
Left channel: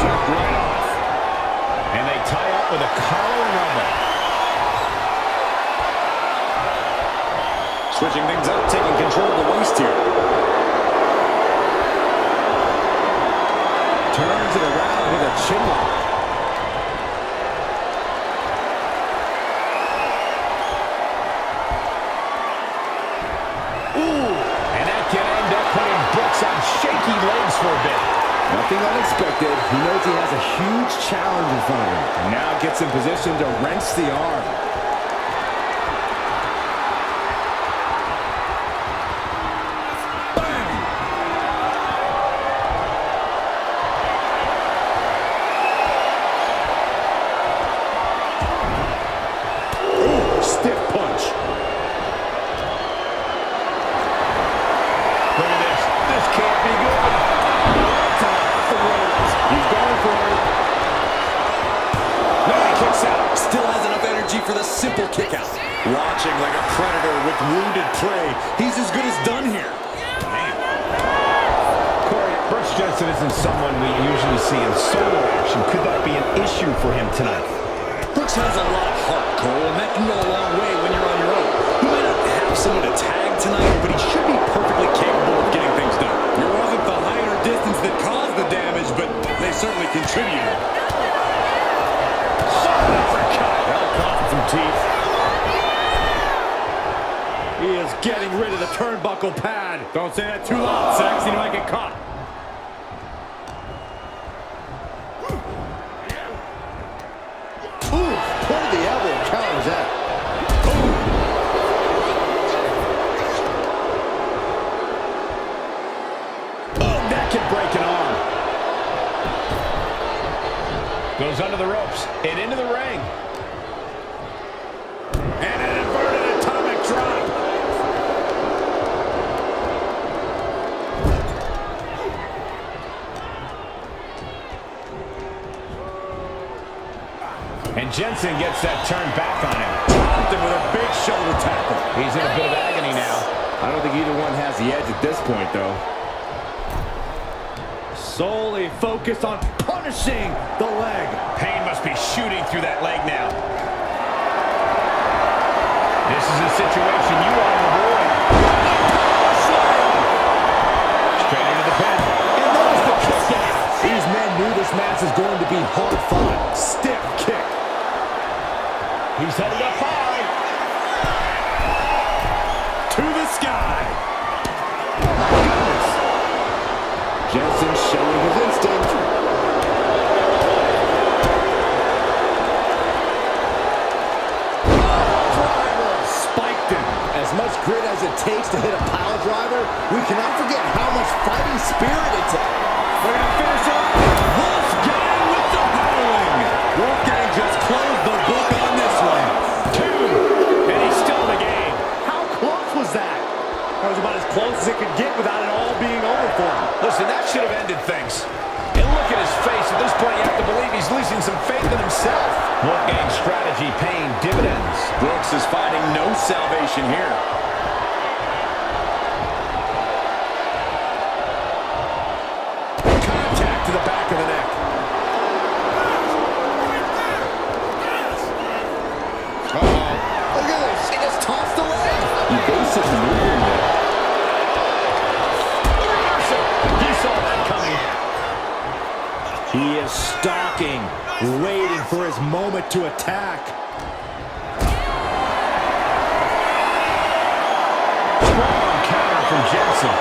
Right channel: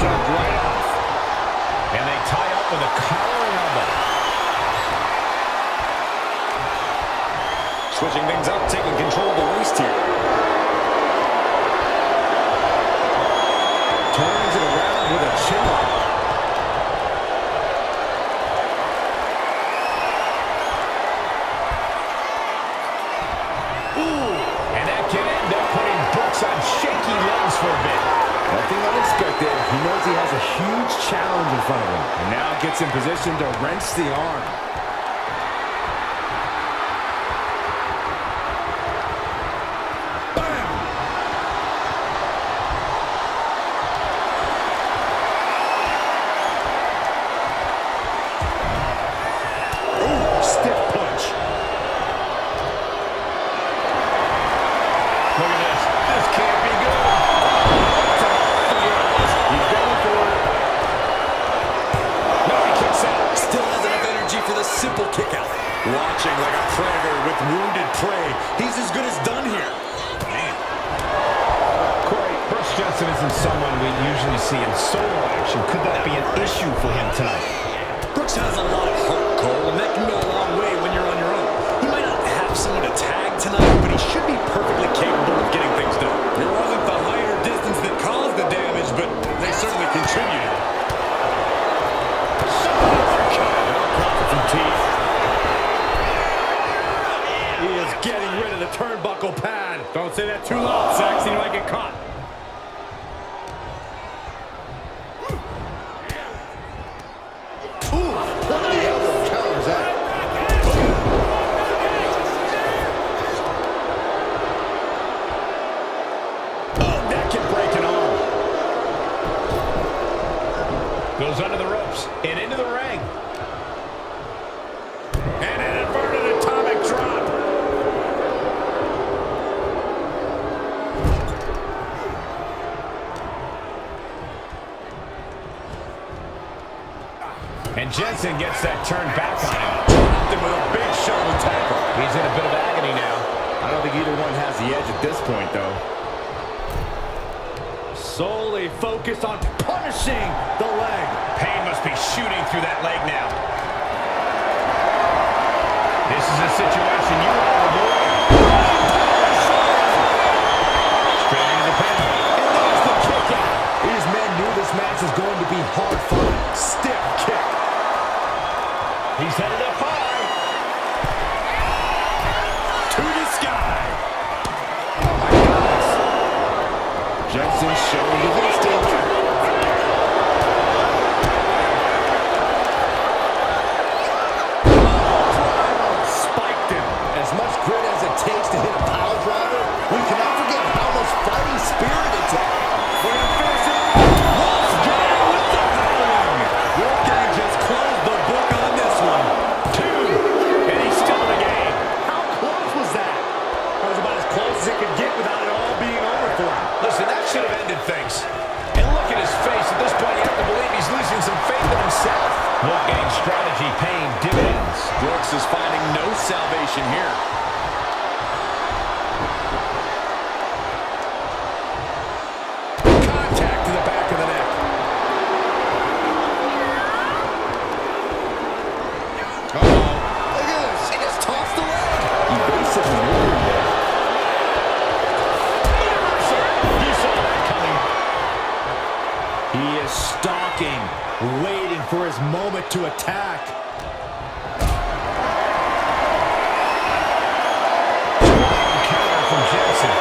Shoved right off. And they tie up with a collar and elbow. Switching things up, taking control of the waist here. Turns it around with a chin lock. Ooh, and that can end up putting Brooks on shaky legs for a bit. Nothing unexpected. He knows he has a huge challenge in front of him. And now gets in position to wrench the arm. Bam! Ooh, stiff punch. Look at this. This can't be good. Oh, right to the throat. He's going for it. No, he kicks out. Still has enough energy for the simple kick out. Watching like a predator with wounded prey. He's as good as done here. Man. Corey, Brooks Jensen isn't someone we usually see in solo action. Could that be an issue for him tonight? Brooks has a lot of heart, Cole, and that can go a long way when you're on your own. He might not have someone to tag tonight, but he should be perfectly capable of getting things done. It wasn't the height or distance that caused the damage, but they certainly contributed. Solid uppercut. That'll cost some teeth. He is getting rid of the turnbuckle pad. Don't say that too loud, Saxon. You might get caught. Ooh, point of the elbow counters that. Oh, that could break an arm. Goes under the ropes and into the ring. And an inverted atomic drop. And Jensen gets that turn back on him. Dropped him with a big shoulder tackle. He's in a bit of agony now. I don't think either one has the edge at this point, though. Solely focused on punishing the leg. Pain must be shooting through that leg now. This is a situation you want to avoid. Running power slam! Straight into the pin. And there's the kick out. These men knew this match was going to be hard fought. Stiff kick. He's headed up high. To the sky. Oh, my goodness. Jensen showing his instinct. much grit as it takes to hit a pile driver, we cannot forget how much fighting spirit it takes. They're going to finish it off. Wolfgang with the howling. Wolfgang just closed the book on this one. 2, and he's still in the game. How close was that? That was about as close as it could get without it all being over for him. Listen, that should have ended things. And look at his face. At this point, you have to believe he's losing some faith in himself. Wolfgang's strategy paying dividends. Brooks is finding no salvation here. Contact to the back of the neck. Uh-oh. Look at this. She just tossed the leg. Evasive maneuvering there. The reversal. He saw that coming. He is stalking, waiting for his moment to attack. Strong counter from Jensen.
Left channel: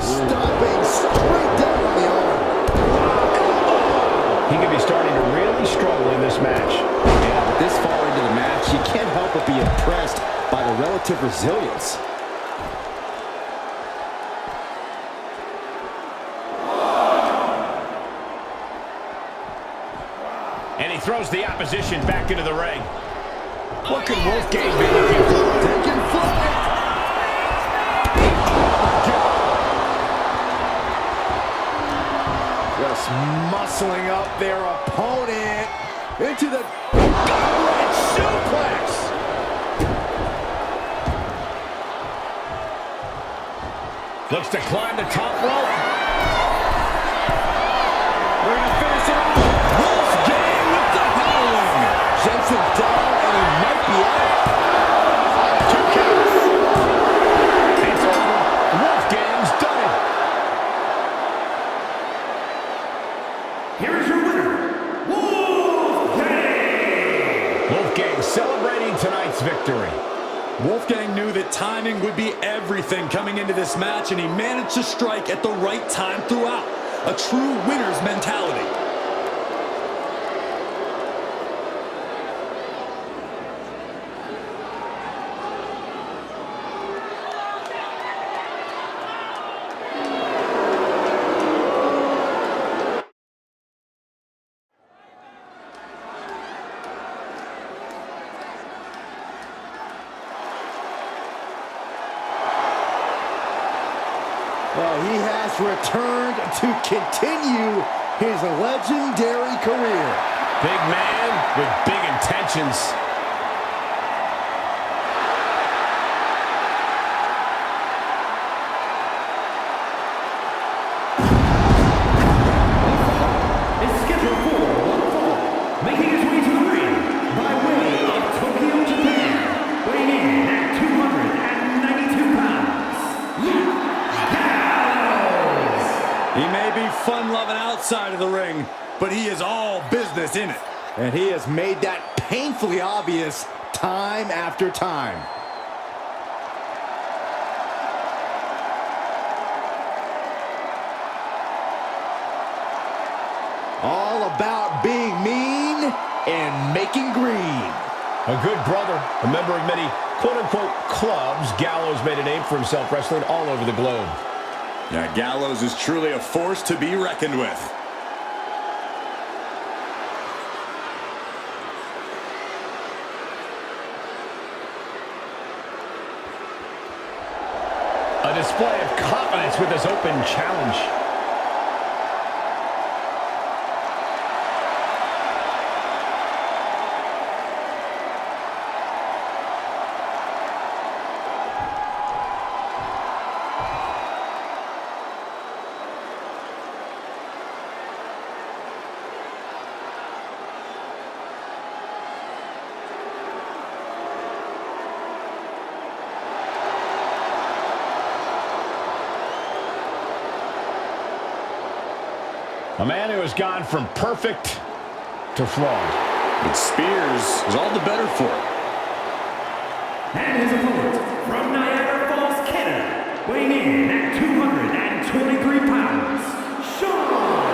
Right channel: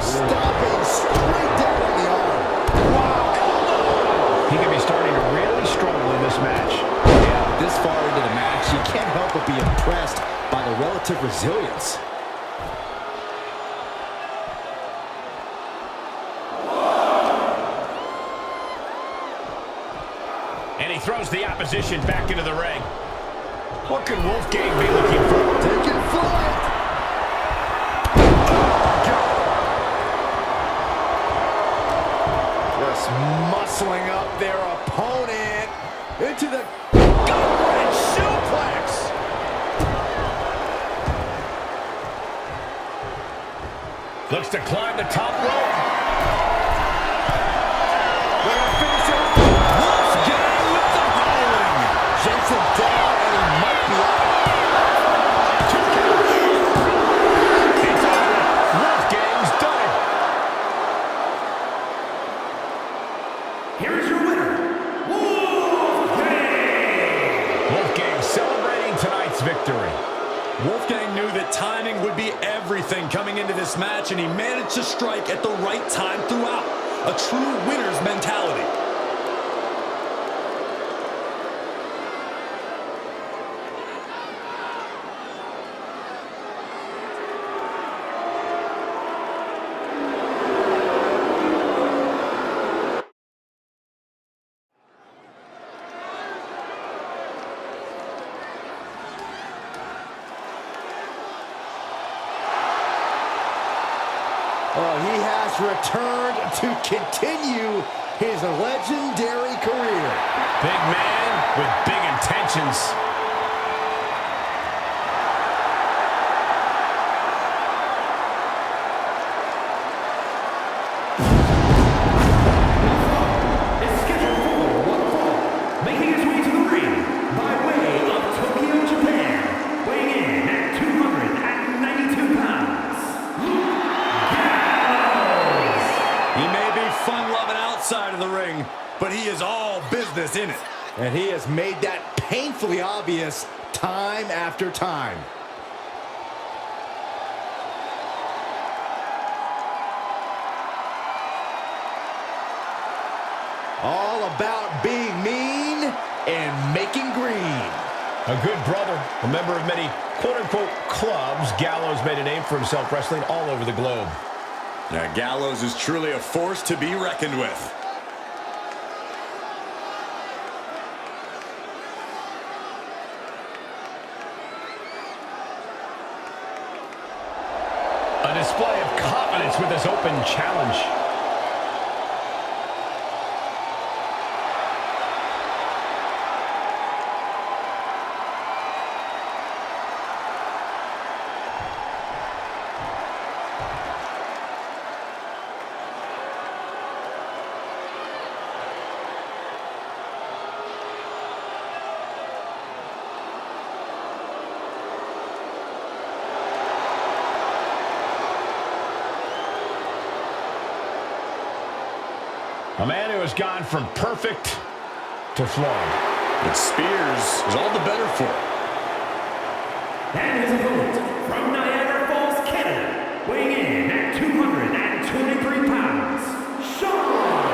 Stomping straight down on the arm. Wow, elbow! He could be starting to really struggle in this match. Yeah, but this far into the match, you can't help but be impressed by the relative resilience. And he throws the opposition back into the ring. What could Wolfgang be looking for? Taking flight. Oh, my God. Just muscling up their opponent into the gut-wrench suplex. Looks to climb the top rope. We're going to finish it off. Wolfgang with the howling. Jensen's down, and he might be out. 2 counts. It's over. Wolfgang's done it. Here is your winner, Wolfgang! Wolfgang celebrating tonight's victory. Wolfgang knew that timing would be everything coming into this match, and he managed to strike at the right time throughout. A true winner's mentality. Oh, he has returned to continue his legendary career. Big man with big intentions. The fall is scheduled for one fall, making his way to the ring by way of Tokyo, Japan, weighing in at 292 pounds, Luke Gallows. He may be fun-loving outside of the ring, but he is all business in it. And he has made that painfully obvious time after time. All about being mean and making green. A good brother, a member of many quote-unquote clubs, Gallows made a name for himself wrestling all over the globe. Yeah, Gallows is truly a force to be reckoned with. A display of confidence with this open challenge. A man who has gone from perfect to flawed. But Spears is all the better for it. And his opponent from Niagara Falls, Canada, weighing in at 223 pounds, Shawn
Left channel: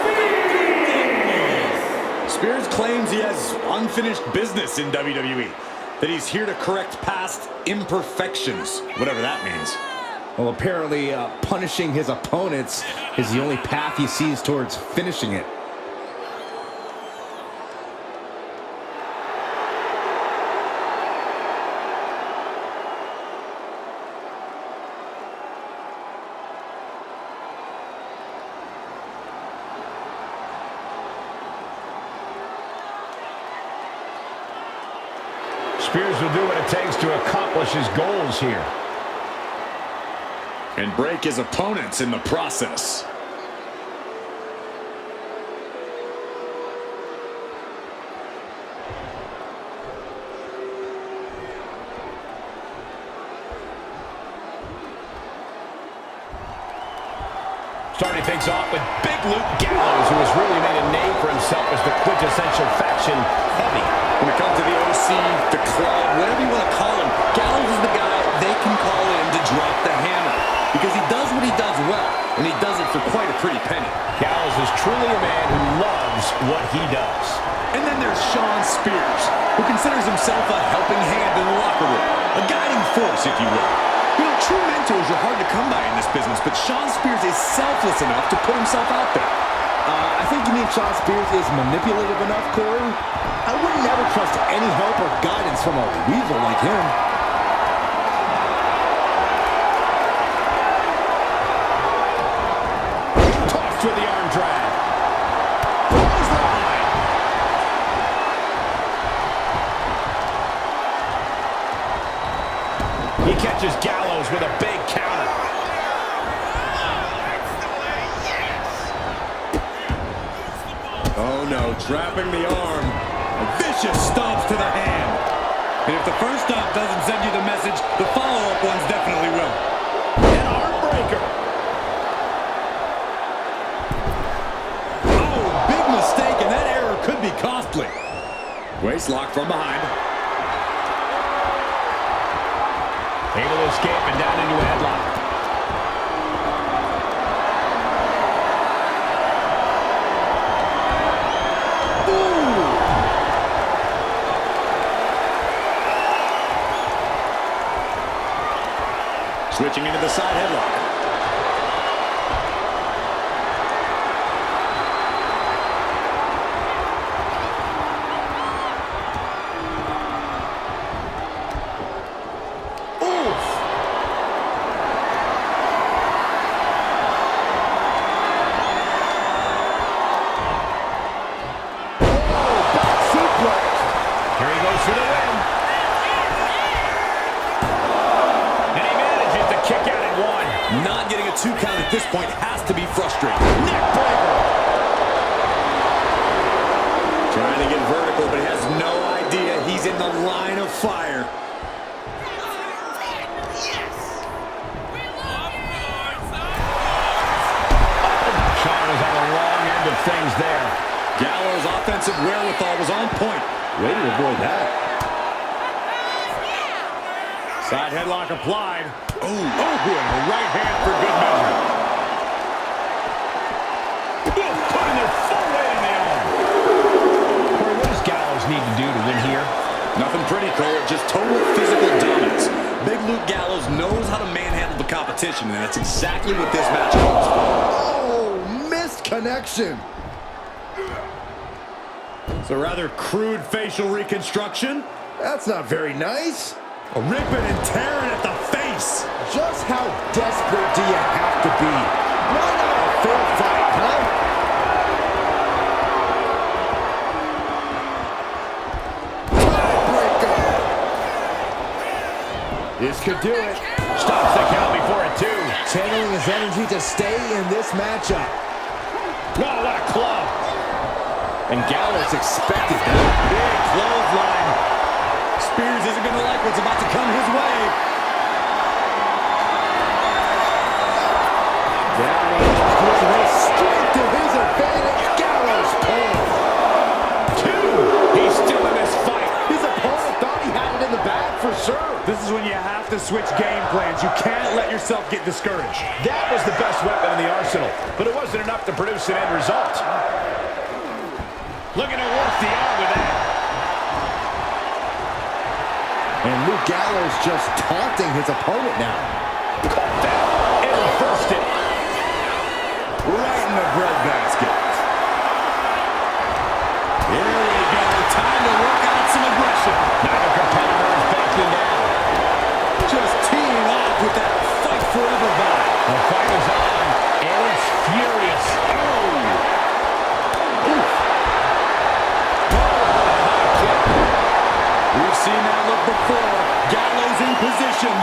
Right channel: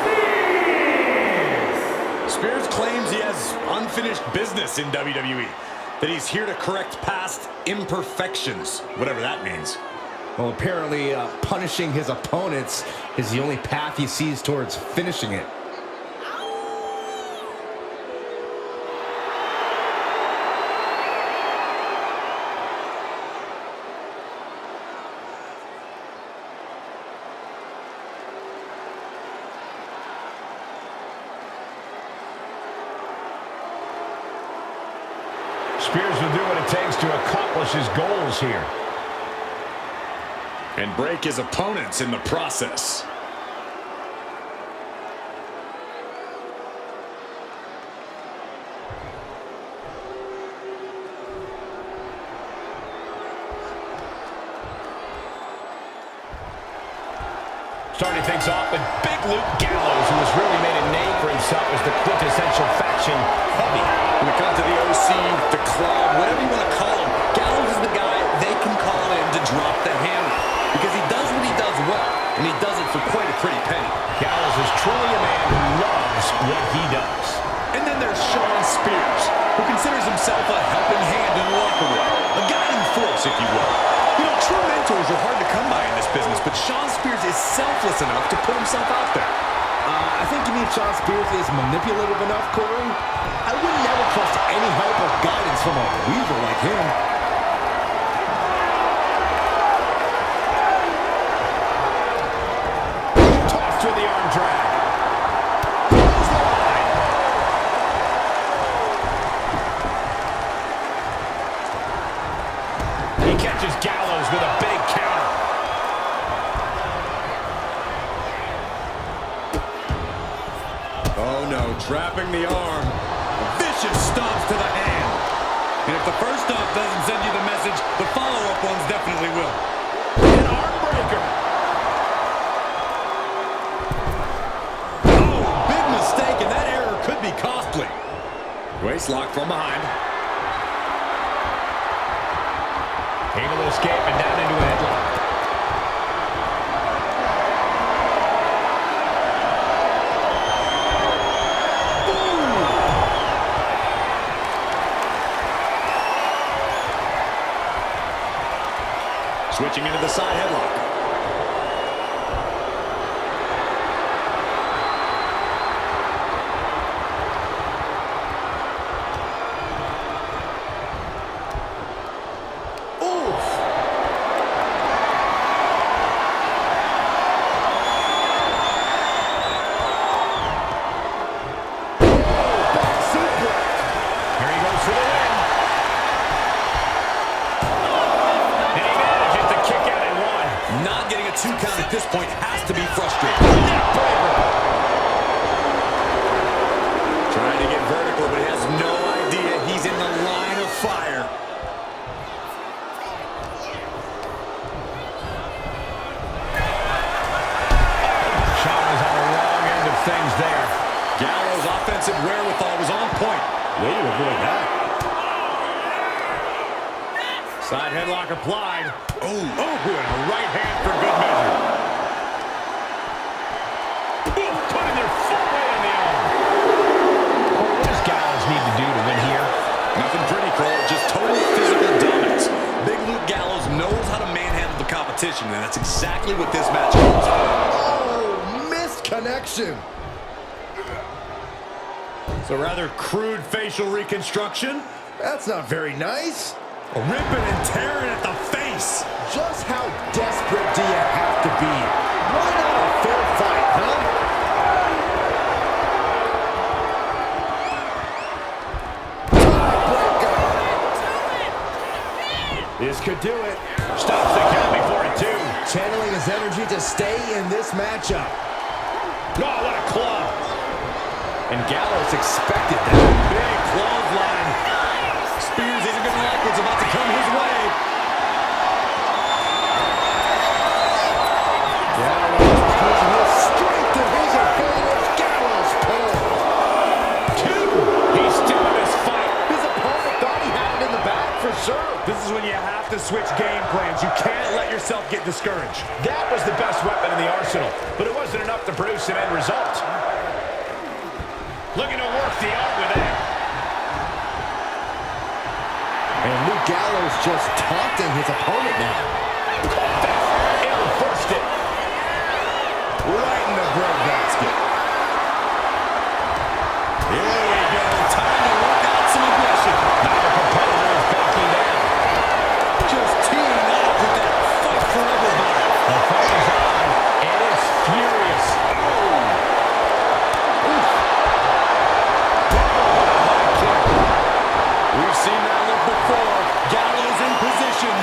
Spears. Spears claims he has unfinished business in WWE, that he's here to correct past imperfections, whatever that means. Well, apparently punishing his opponents is the only path he sees towards finishing it. Spears will do what it takes to accomplish his goals here. And break his opponents in the process. Starting things off with Big Luke Gallows, who has really made a name for himself as the quintessential faction heavy. When it comes to the OC, the club, whatever you want to call him, Gallows is the guy they can call in to drop the hammer. Because he does what he does well, and he does it for quite a pretty penny. Gallows is truly a man who loves what he does. And then there's Shawn Spears, who considers himself a helping hand in the locker room. A guiding force, if you will. You know, true mentors are hard to come by in this business, but Shawn Spears is selfless enough to put himself out there. I think you mean Shawn Spears is manipulative enough, Corey? I would never trust any help or guidance from a weasel like him. Tossed with the arm drag. Clothesline. He catches Gallows with a big counter. Oh no, trapping the arm. Vicious stomps to the hand. And if the first stomp doesn't send you the message, the follow-up ones definitely will. An arm breaker. Oh, big mistake, and that error could be costly. Waist lock from behind. Able to escape and down into a headlock. Switching into the side headlock. Oof. Oh, back suplex. Here he goes for the win. And he manages to kick out at one. Not getting a 2 count at this point has to be frustrating. Neck breaker. Trying to get vertical, but he has no idea he's in the line of fire. Shawn was on the wrong end of things there. Gallows' offensive wherewithal was on point. Way to avoid that. Side headlock applied. Oh, and a right hand for good measure. Putting their full weight on the arm. Corey, what does Gallows need to do to win here? Nothing pretty, Cole. Just total physical dominance. Big Luke Gallows knows how to manhandle the competition, and that's exactly what this match calls for. Oh, missed connection. It's a rather crude facial reconstruction. That's not very nice. A ripping and tearing at the face. Just how desperate do you have to be? Why not a fair fight, huh? Tiebreaker. This could do it. Stops the count before it, too. Channeling his energy to stay in this matchup. Oh, what a club. And Gallows expected that. Big clothesline. Spears isn't going to like what's about to come his way. Gallows using his strength to his advantage. Gallows pull. 2. He's still in this fight. His opponent thought he had it in the bag for sure. This is when you have to switch game plans. You can't let yourself get discouraged. That was the best weapon in the arsenal, but it wasn't enough to produce an end result. Looking to work the arm with that. And Luke Gallows just taunting his opponent now. Caught that and reversed it. Right in the breadbasket. Here we go. Time to work out some aggression. Neither competitor is backing down. Just teeing off with that fight forever vibe. The fight is on, and it's furious. Oh! Oof. Whoa, what a high kick. We've seen that look before. Gallows in position.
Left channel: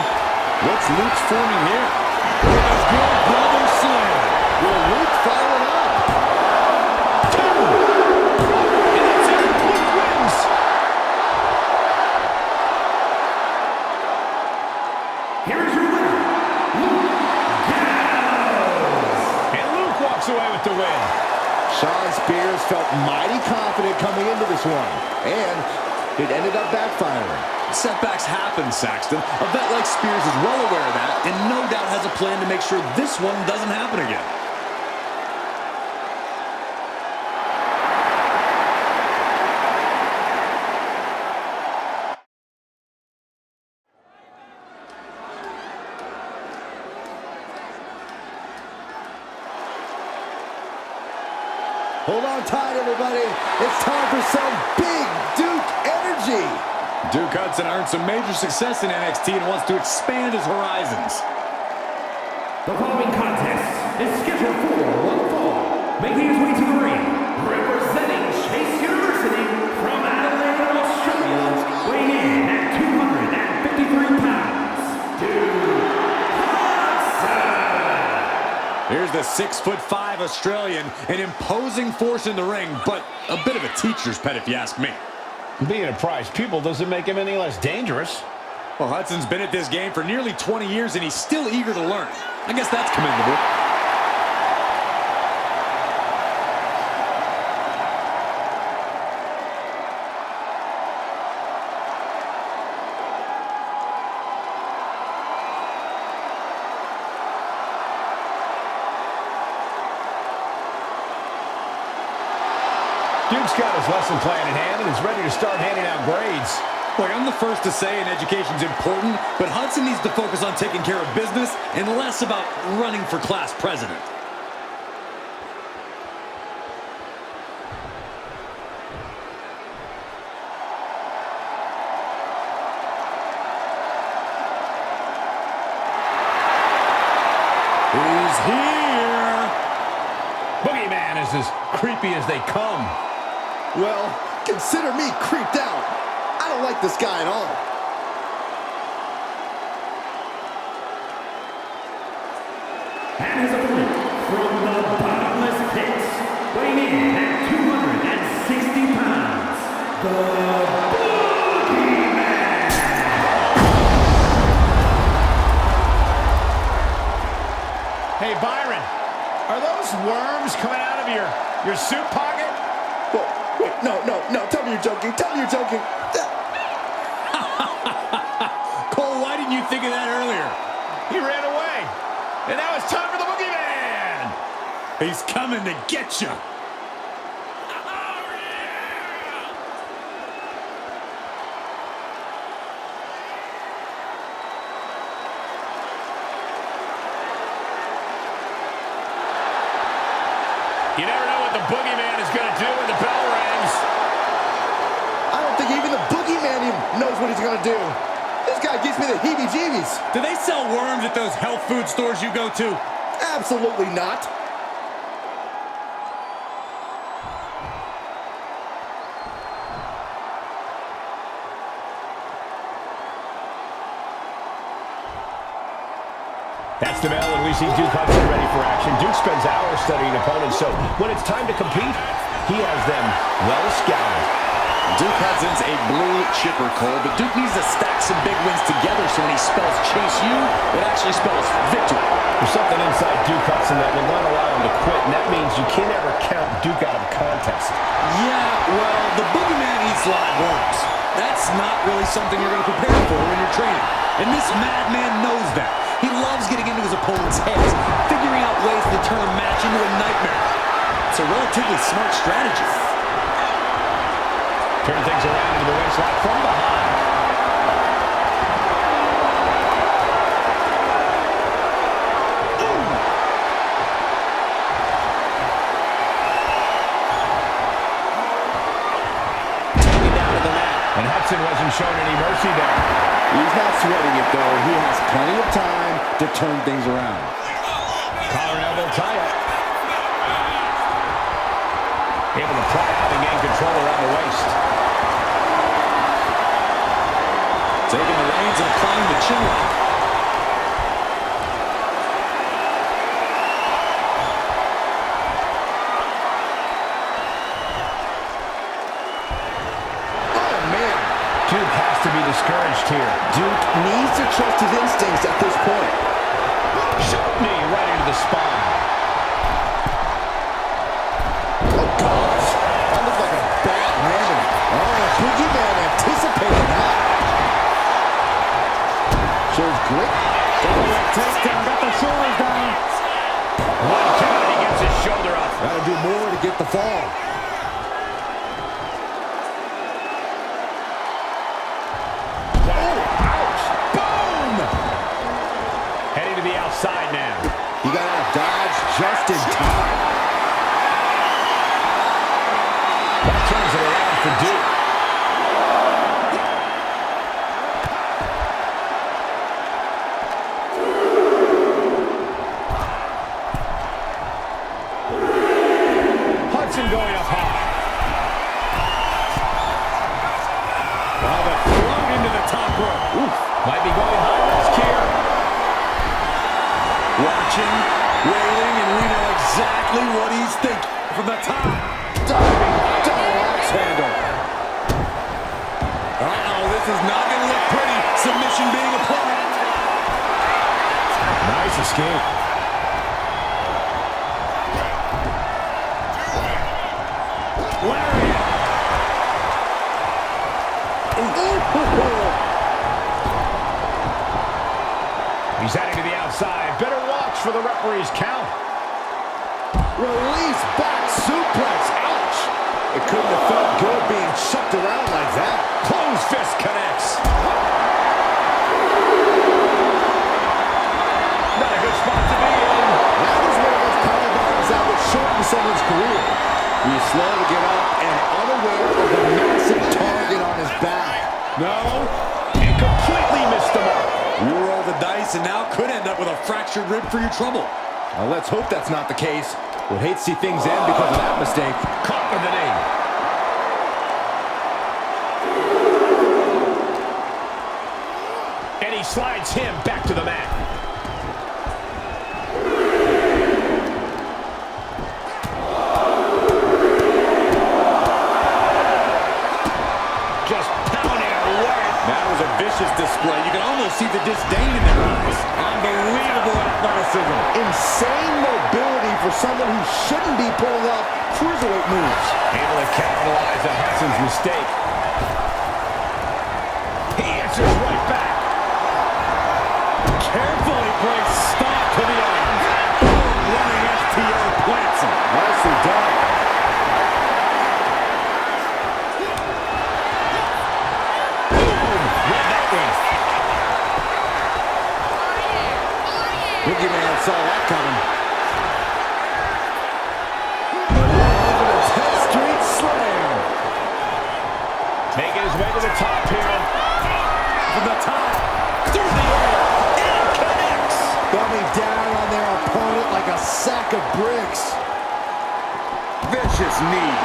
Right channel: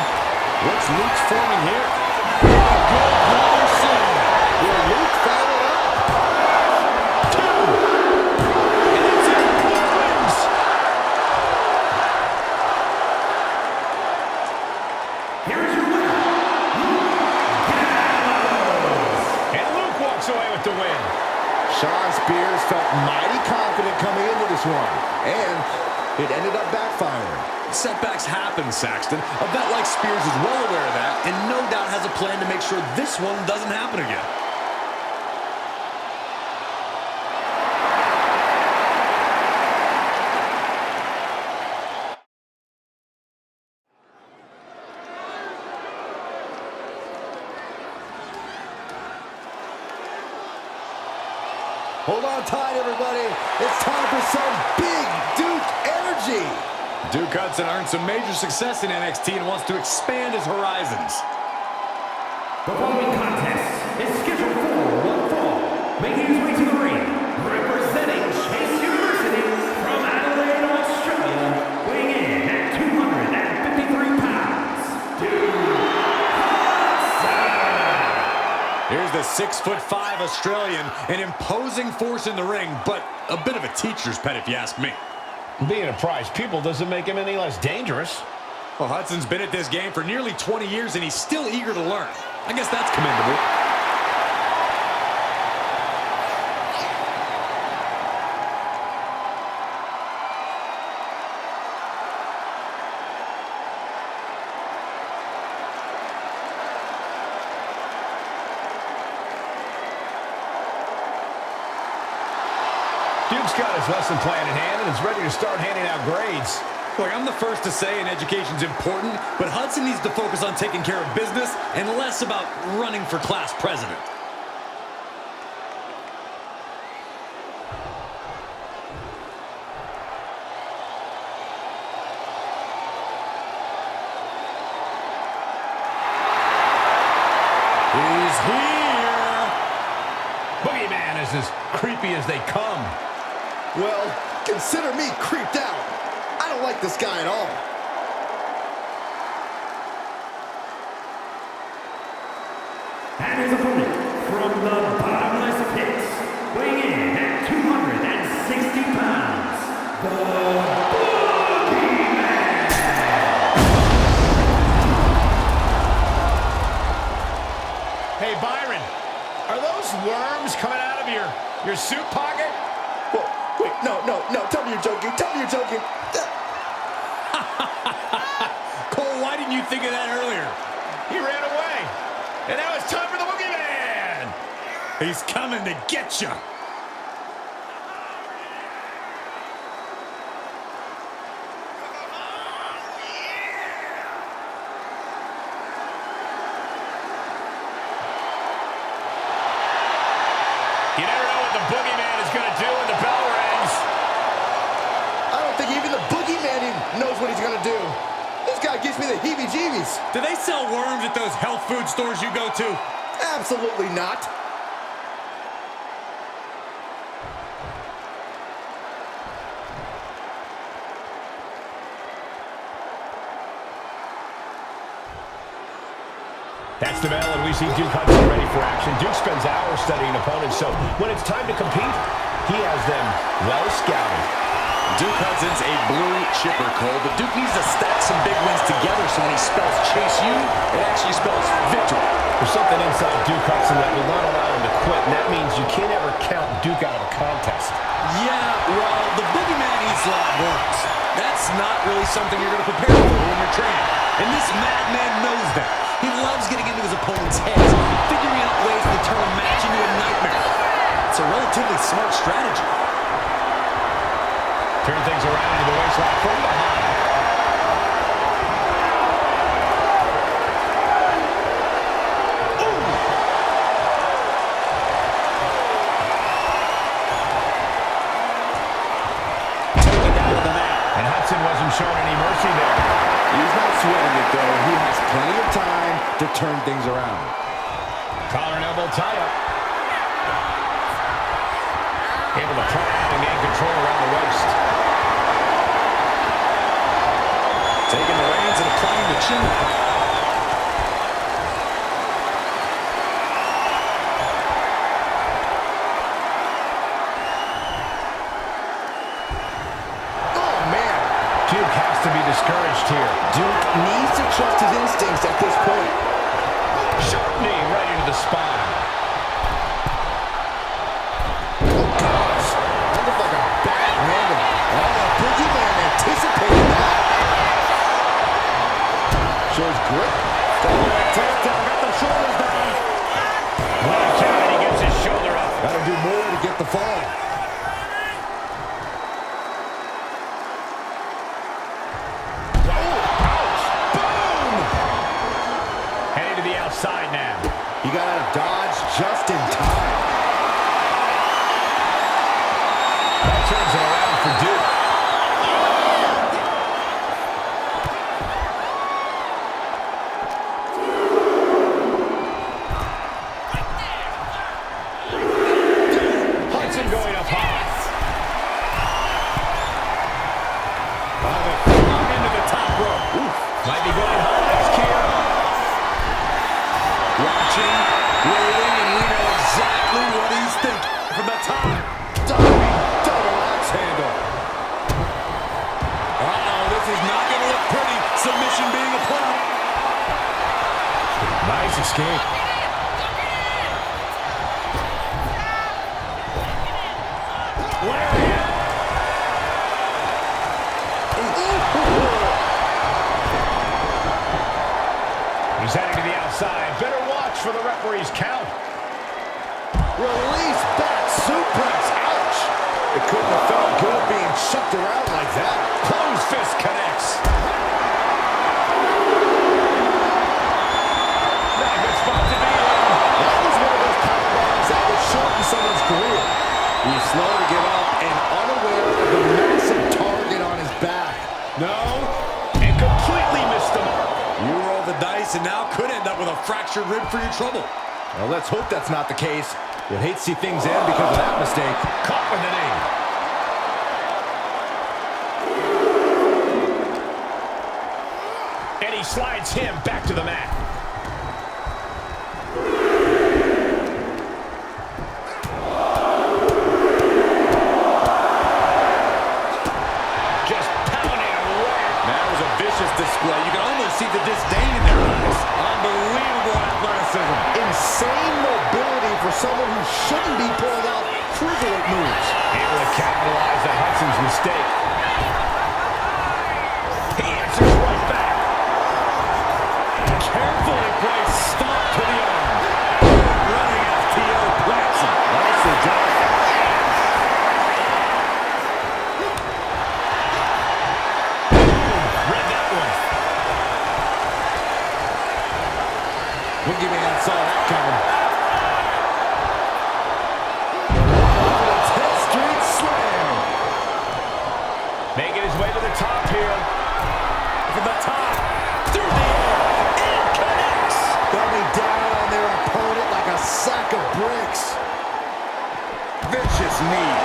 What's Luke's forming here? With a good brother slam. Will Luke follow it up? 2. And that's it. Luke wins. Here is your winner, Luke Gallows. And Luke walks away with the win. Shawn Spears felt mighty confident coming into this one, and it ended up backfiring. Setbacks happen, Saxton. A vet like Spears is well aware of that, and no doubt has a plan to make sure this one doesn't happen again. Hold on tight, everybody. It's time for some big Duke energy. Duke Hudson earned some major success in NXT and wants to expand his horizons. The following contest is scheduled for one fall. Making his way to the ring, representing Chase University from Adelaide, Australia, weighing in at 253 pounds, Duke Hudson. Here's the 6'5" Australian, an imposing force in the ring, but a bit of a teacher's pet if you ask me. Being a prize pupil doesn't make him any less dangerous. Well, Hudson's been at this game for nearly 20 years, and he's still eager to learn. I guess that's commendable. Duke's got his lesson plan in hand and is ready to start handing out grades. Look, I'm the first to say an education's important, but Hudson needs to focus on taking care of business and less about running for class president. He's here. Boogeyman is as creepy as they come. Well, consider me creeped out. I don't like this guy at all. And his opponent from the bottomless pits, weighing in at 260 pounds, the Boogeyman. Hey, Byron, are those worms coming out of your suit pocket? Whoa, wait, no. Tell me you're joking. Tell me you're joking. Cole, why didn't you think of that earlier? He ran away. And now it's time for the Boogeyman. He's coming to get you. You never know what the Boogeyman is going to do when the bell rings. I don't think even the Boogeyman even knows what he's going to do. This guy gives me the heebie-jeebies. Do they sell worms at those health food stores you go to? Absolutely not. That's the bell, and we see Duke Hudson ready for action. Duke spends hours studying opponents, so when it's time to compete, he has them well scouted. Duke Hudson's a blue chipper, Cole, but Duke needs to stack some big wins together so when he spells Chase U, it actually spells victory. There's something inside Duke Hudson that will not allow him to quit, and that means you can't ever count Duke out of a contest. Yeah, well, the Boogeyman eats live worms. That's not really something you're going to prepare for when you're training. And this madman knows that. He loves getting into his opponent's heads, figuring out ways to turn a match into a nightmare. It's a relatively smart strategy. Turn things around into the waistlock from behind. Ooh! Taken down to the mat. And Hudson wasn't shown any mercy there. He's not sweating it, though. He has plenty of time to turn things around. Collar and elbow tie-up. Able to pry out and gain control around the waist. Taking the reins and applying the chin lock. Oh, man. Duke has to be discouraged here. Duke needs to trust his instincts at this point. Sharp knee right into the spine. Oh, gosh. That looked like a bad landing. Oh, Boogeyman anticipated that. Shows grit. Double leg takedown. Got the shoulders down. One count and he gets his shoulder up. Got to do more to get the fall. Wow. Oh, ouch. Boom! Heading to the outside now. He got out of dodge just in time. That turns him around for Duke. Hudson going up high. By the throat into the top rope. Oof. Might be going high risk here. Watching, waiting, and we know exactly what he's thinking. From the top. Diving double axe handle. Uh-oh, this is not going to look pretty. Submission being applied. Nice escape. Lariat. He's heading to the outside. Better watch for the referee's count. Release back suplex. Ouch. It couldn't have felt good being shucked around like that. Closed fist connects. Not a good spot to be in. That was one of those power bombs that would shorten someone's career. He's slow to get up and unaware of the massive target on his back. No. And completely missed the mark. You roll the dice and now could end up with a fractured rib for your trouble. Now let's hope that's not the case. Would hate to see things end because of that mistake. Caught with the knee. And he slides him back to the mat. Just pounding away. That was a vicious display. You can almost see the disdain in their eyes. Unbelievable athleticism. Insane mobility for someone who shouldn't be pulling off cruiserweight moves. Able to capitalize on Hudson's mistake. He answers right back. Carefully placed stomp to the arm. Boom, running STO plants him. Nicely done. Read that one. Boogeyman saw that coming. The 110th Street Slam. Making his way to the top here. From the top. Through the air. And connects. Coming down on their opponent like a sack of bricks. Vicious knee.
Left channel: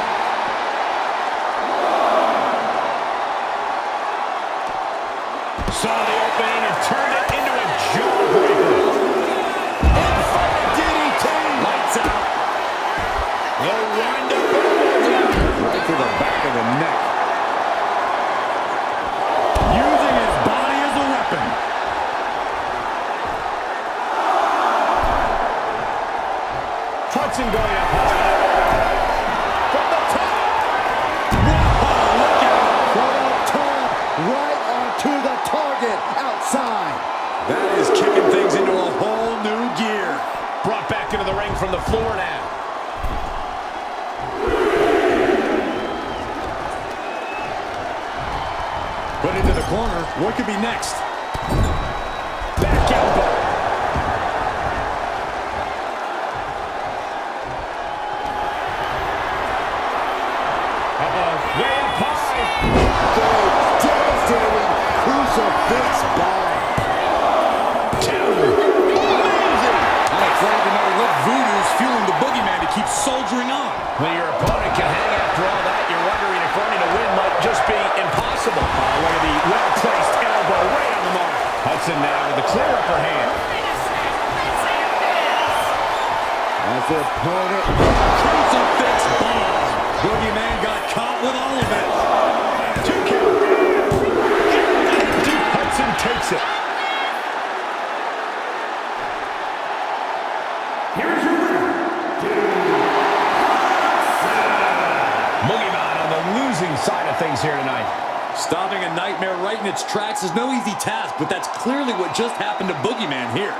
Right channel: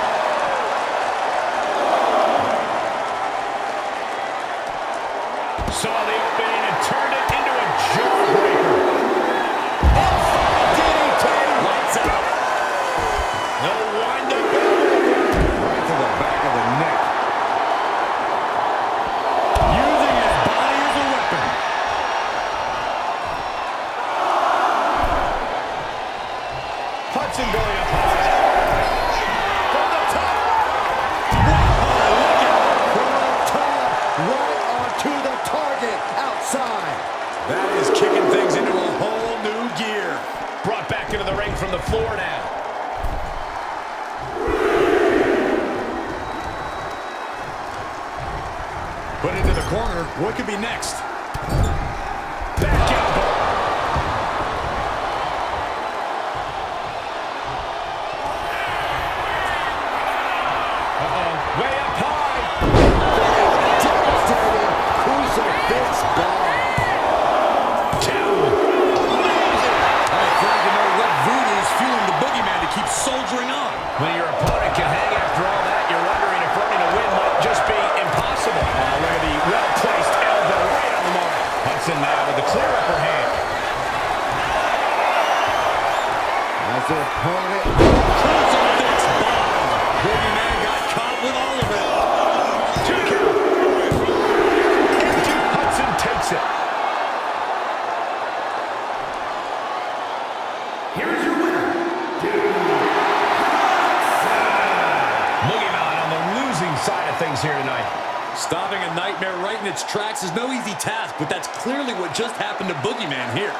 Saw the opening and turned it into a jawbreaker. Inverted DDT. Lights out. No wind-up elbow drop. Right to the back of the neck. Using his body as a weapon. Hudson going up high. From the top. Whoa, look out. From up top. Right onto the target outside. That is kicking things into a whole new gear. Brought back into the ring from the floor now. Put into the corner. What could be next? Back elbow. Uh-oh, way up high. For a devastating crucifix bomb. 2. Amazing. I'm afraid to know what voodoo's fueling the boogeyman to keep soldiering on. When your opponent can hang after all that, you're wondering if earning a win might just be impossible. Oh, look at the well-placed elbow right on the mark. Hudson now with the clear upper hand. As their opponent. Crucifix bomb. Boogeyman got caught with all of it. 2 count. And Duke Hudson takes it. Here is your winner, Duke Hudson. Boogeyman on the losing side of things here tonight. Stopping a nightmare right in its tracks is no easy task, but that's clearly what just happened to Boogeyman here.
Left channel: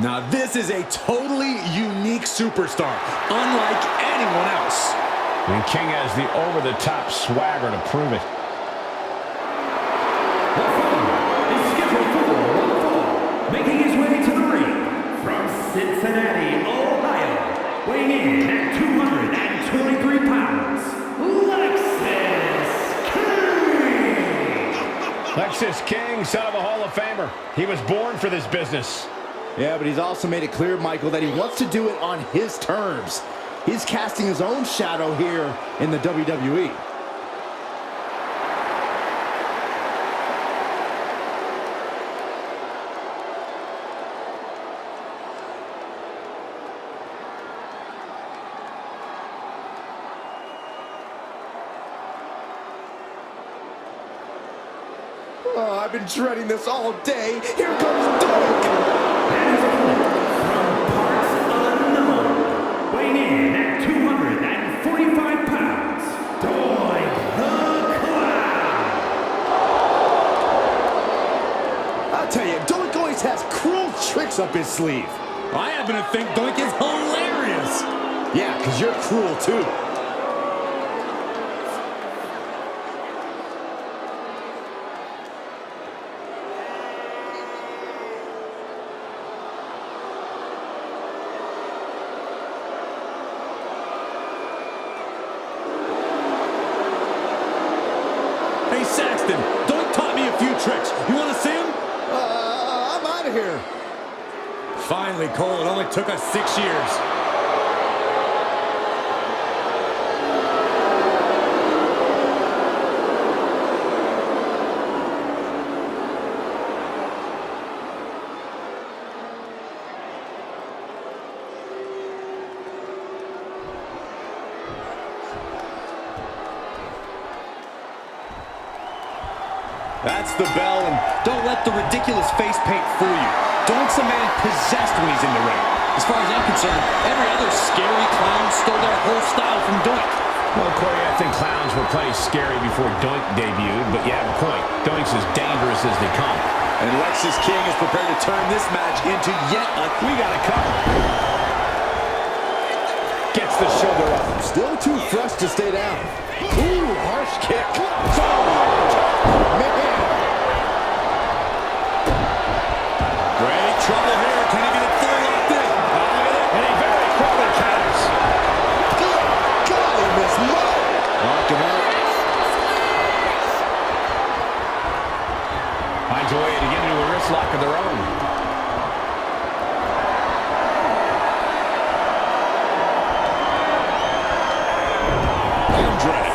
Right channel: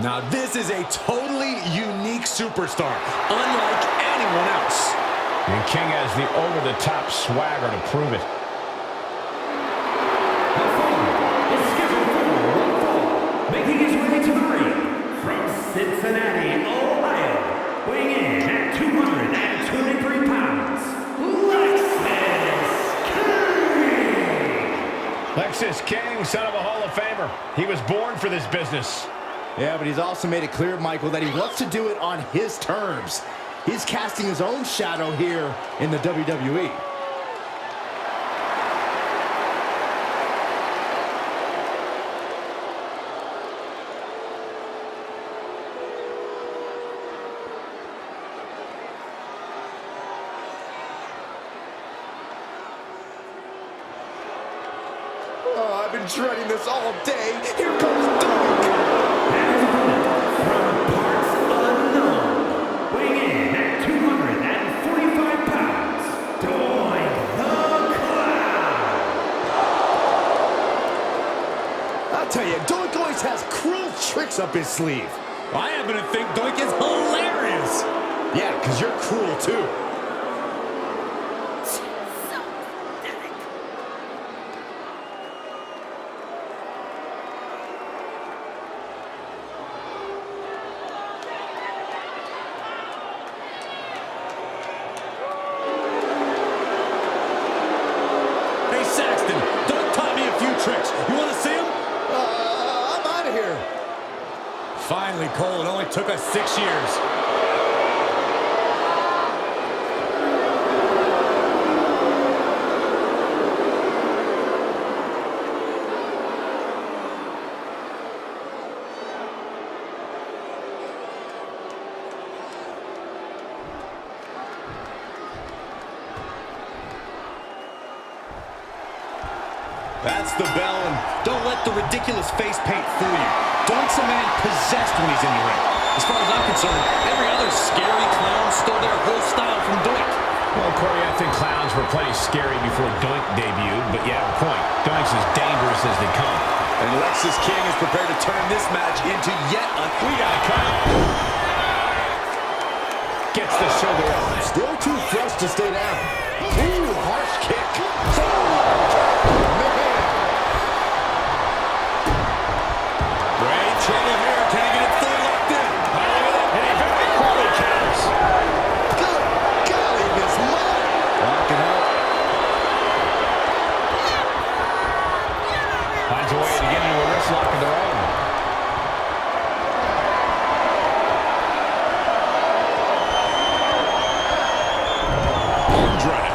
Now this is a totally unique superstar, unlike anyone else. And King has the over-the-top swagger to prove it. The following is scheduled for one fall, making his way to the ring from Cincinnati, Ohio, weighing in at 223 pounds, Lexis King. Lexis King, son of a Hall of Famer. He was born for this business. Yeah, but he's also made it clear, Michael, that he wants to do it on his terms. He's casting his own shadow here in the WWE. Oh, I've been dreading this all day. Here comes Doink! And his opponent, from parts unknown, weighing in at 245 pounds, Doink the Clown. I'll tell you, Doink always has cruel tricks up his sleeve. I happen to think Doink is hilarious. Yeah, because you're cruel too. Hey, Saxton, Doink taught me a few tricks. You want to see them? I'm out of here. Finally, Cole, it only took us 6 years. That's the bell, and don't let the ridiculous face paint fool you. Doink's a man possessed when he's in the ring. As far as I'm concerned, every other scary clown stole their whole style from Doink. Well, Corey, I think clowns were plenty scary before Doink debuted, but you have a point. Doink's as dangerous as they come. And Lexis King is prepared to turn this match into yet a... We got it covered. Gets the shoulder up. Still too fresh to stay down. Ooh, harsh kick. Man. Great trouble here. Can he get it fully locked in? Oh, look at that. And he very quickly counters. Good golly, Miss Molly. Locking up. Finds a way to get into a wrist lock of their own. Arm drag.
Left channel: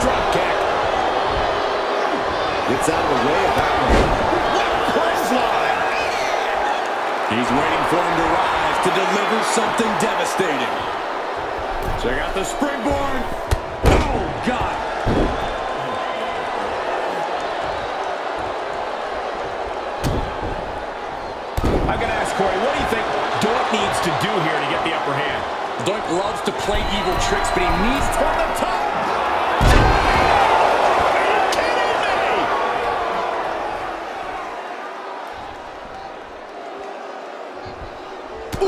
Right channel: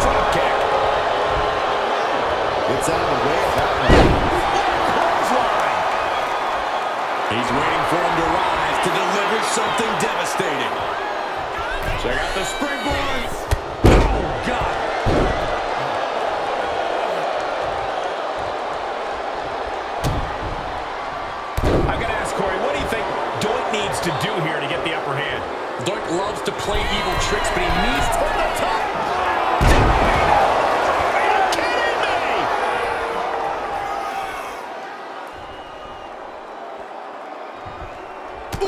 Drop kick. Gets out of the way of that one. What a clothesline. He's waiting for him to rise to deliver something devastating. Check out the springboard. Oh, God. I've got to ask Corey, what do you think Doink needs to do here to get the upper hand? Doink loves to play evil tricks, but he needs to... From the top. Diving elbow drop. Are you kidding me?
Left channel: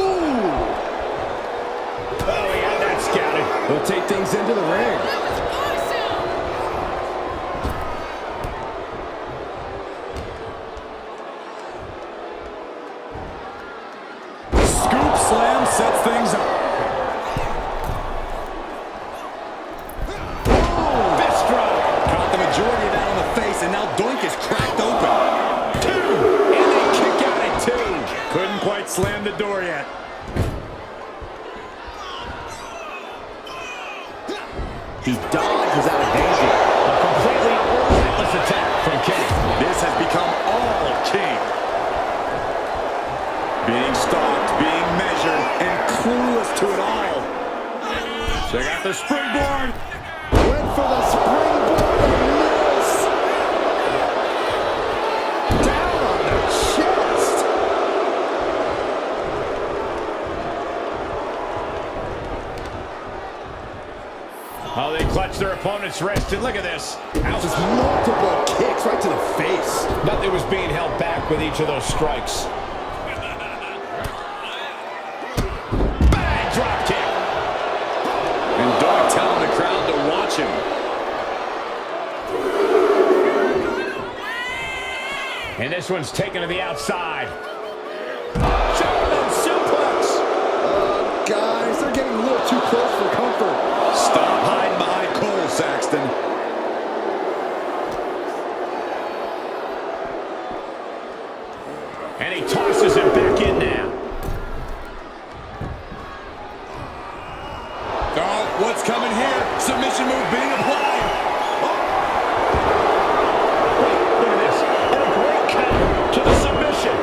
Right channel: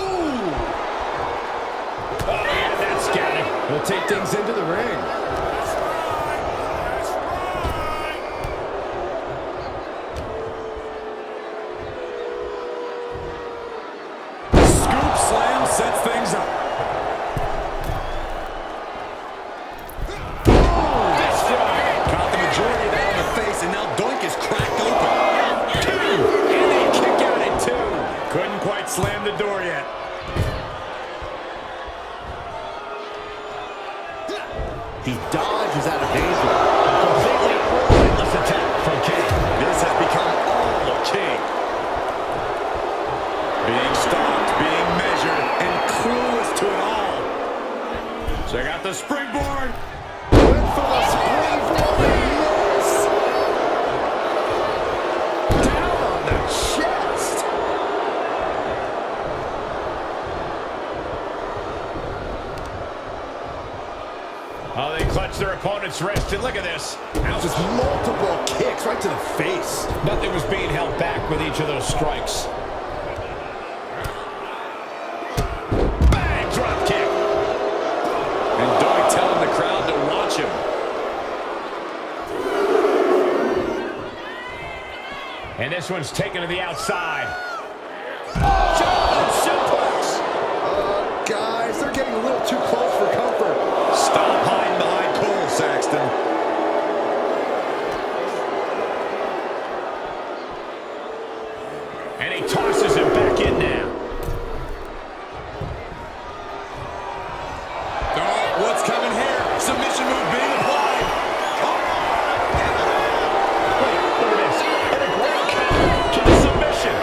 Ooh! Oh, he had that scouted. He'll take things into the ring. Scoop slam sets things up. Fist drop. Caught the majority of that on the face, and now Doink is cracked open. 2. And they kick out at 2. Couldn't quite slam the door yet. He dodges out of danger. A completely relentless attack from King. This has become all King. Being stalked, being measured, and clueless to it all. Check out the springboard. Went for the springboard and missed. Down on the chest. Oh, they clutch their opponent's wrist, and look at this. Ouch. Just multiple kicks right to the face. Nothing was being held back with each of those strikes. Bang! Drop kick. And Doink telling the crowd to watch him. And this one's taken to the outside. German suplex. Guys, they're getting a little too close for comfort. Stop hiding behind Cole, Saxton. And he tosses him back in now. Oh, what's coming here? Submission move being applied. Oh. Wait, look at this. And a great counter to the submission.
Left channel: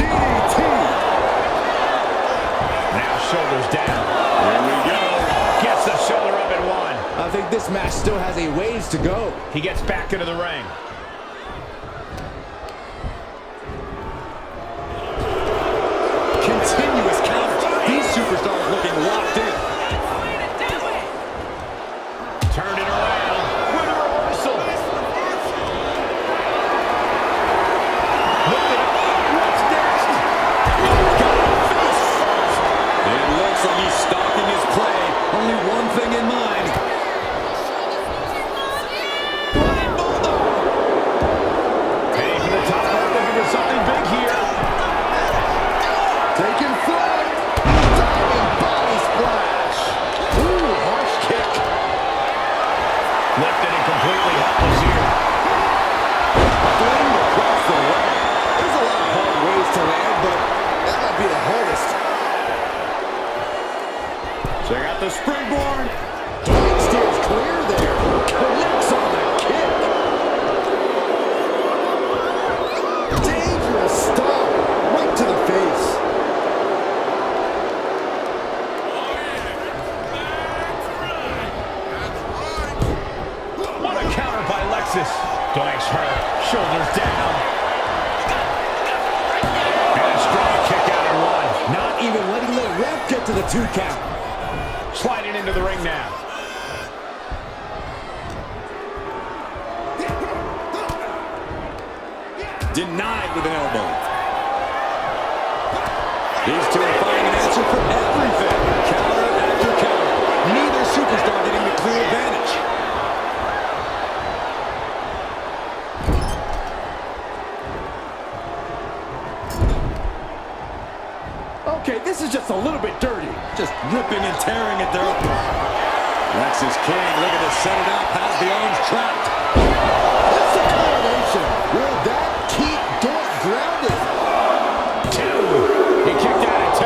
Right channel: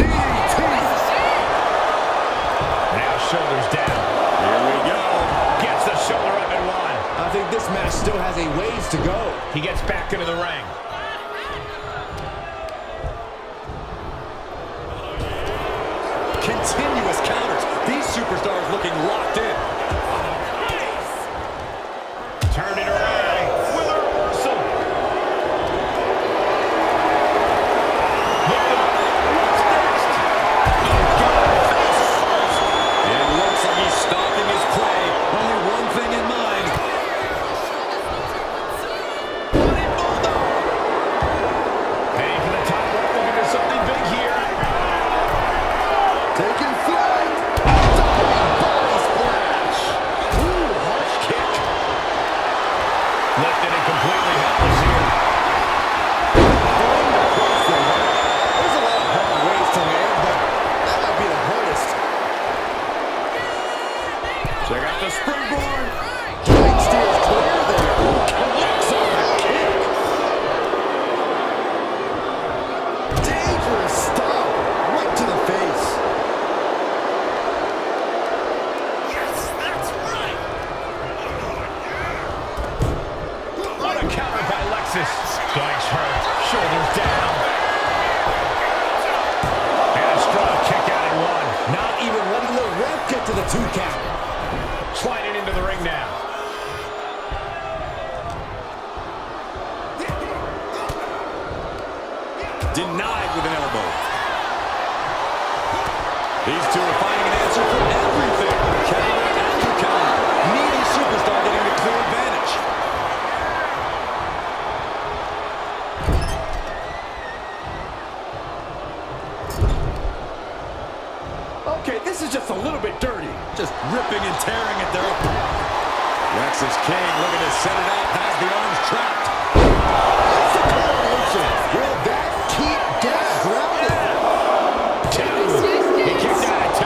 DDT. Now shoulders down. Here we go. Gets the shoulder up at 1. I think this match still has a ways to go. He gets back into the ring. Continuous counters. These superstars looking locked in. Turned it around with a reversal. Lift it up. What's next? Oh, God, face first. It looks like he's stalking his prey. Only one thing in mind. Running bulldog. Heading for the top rope. Looking for something big here. Taking flight. Diving body splash. Ooh, harsh kick. Lifted and completely helpless here. Flamed across the way. There's a lot of hard ways to land, but that might be the hardest. Check out the springboard. Doink steers clear there. Connects on the kick. Dangerous stomp right to the face. What a counter by Lexus. Doink's hurt. Shoulders down. And a strong kick out at 1. Not even letting the ref get to the 2 count. Sliding into the ring now. Denied with an elbow. These two are finding an answer for everything. Counter after counter. Neither superstar getting the clear advantage. Okay, this is just a little bit dirty. Just ripping and tearing at their opponent. Lexus King looking to set it up. Has the arms trapped. It's the coronation. Will that keep Doink grounded? 2. He kicked out at 2.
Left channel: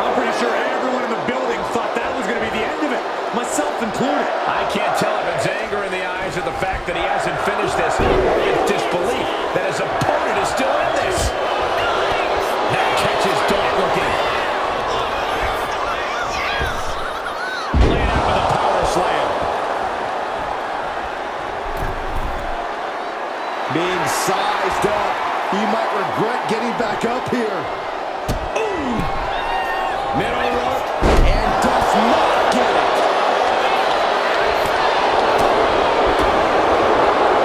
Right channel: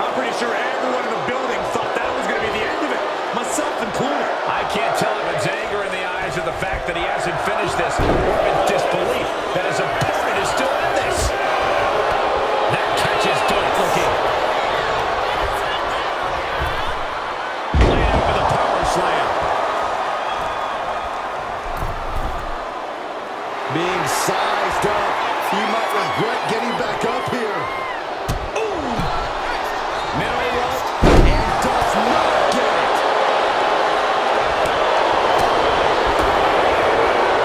I'm pretty sure everyone in the building thought that was going to be the end of it. Myself included. I can't tell if it's anger in the eyes or the fact that he hasn't finished this, or if it's disbelief that his opponent is still in this. That catches Doink looking. Laying out with a power slam. Being sized up, he might regret getting back up here. Ooh! Middle rope, and does not get it.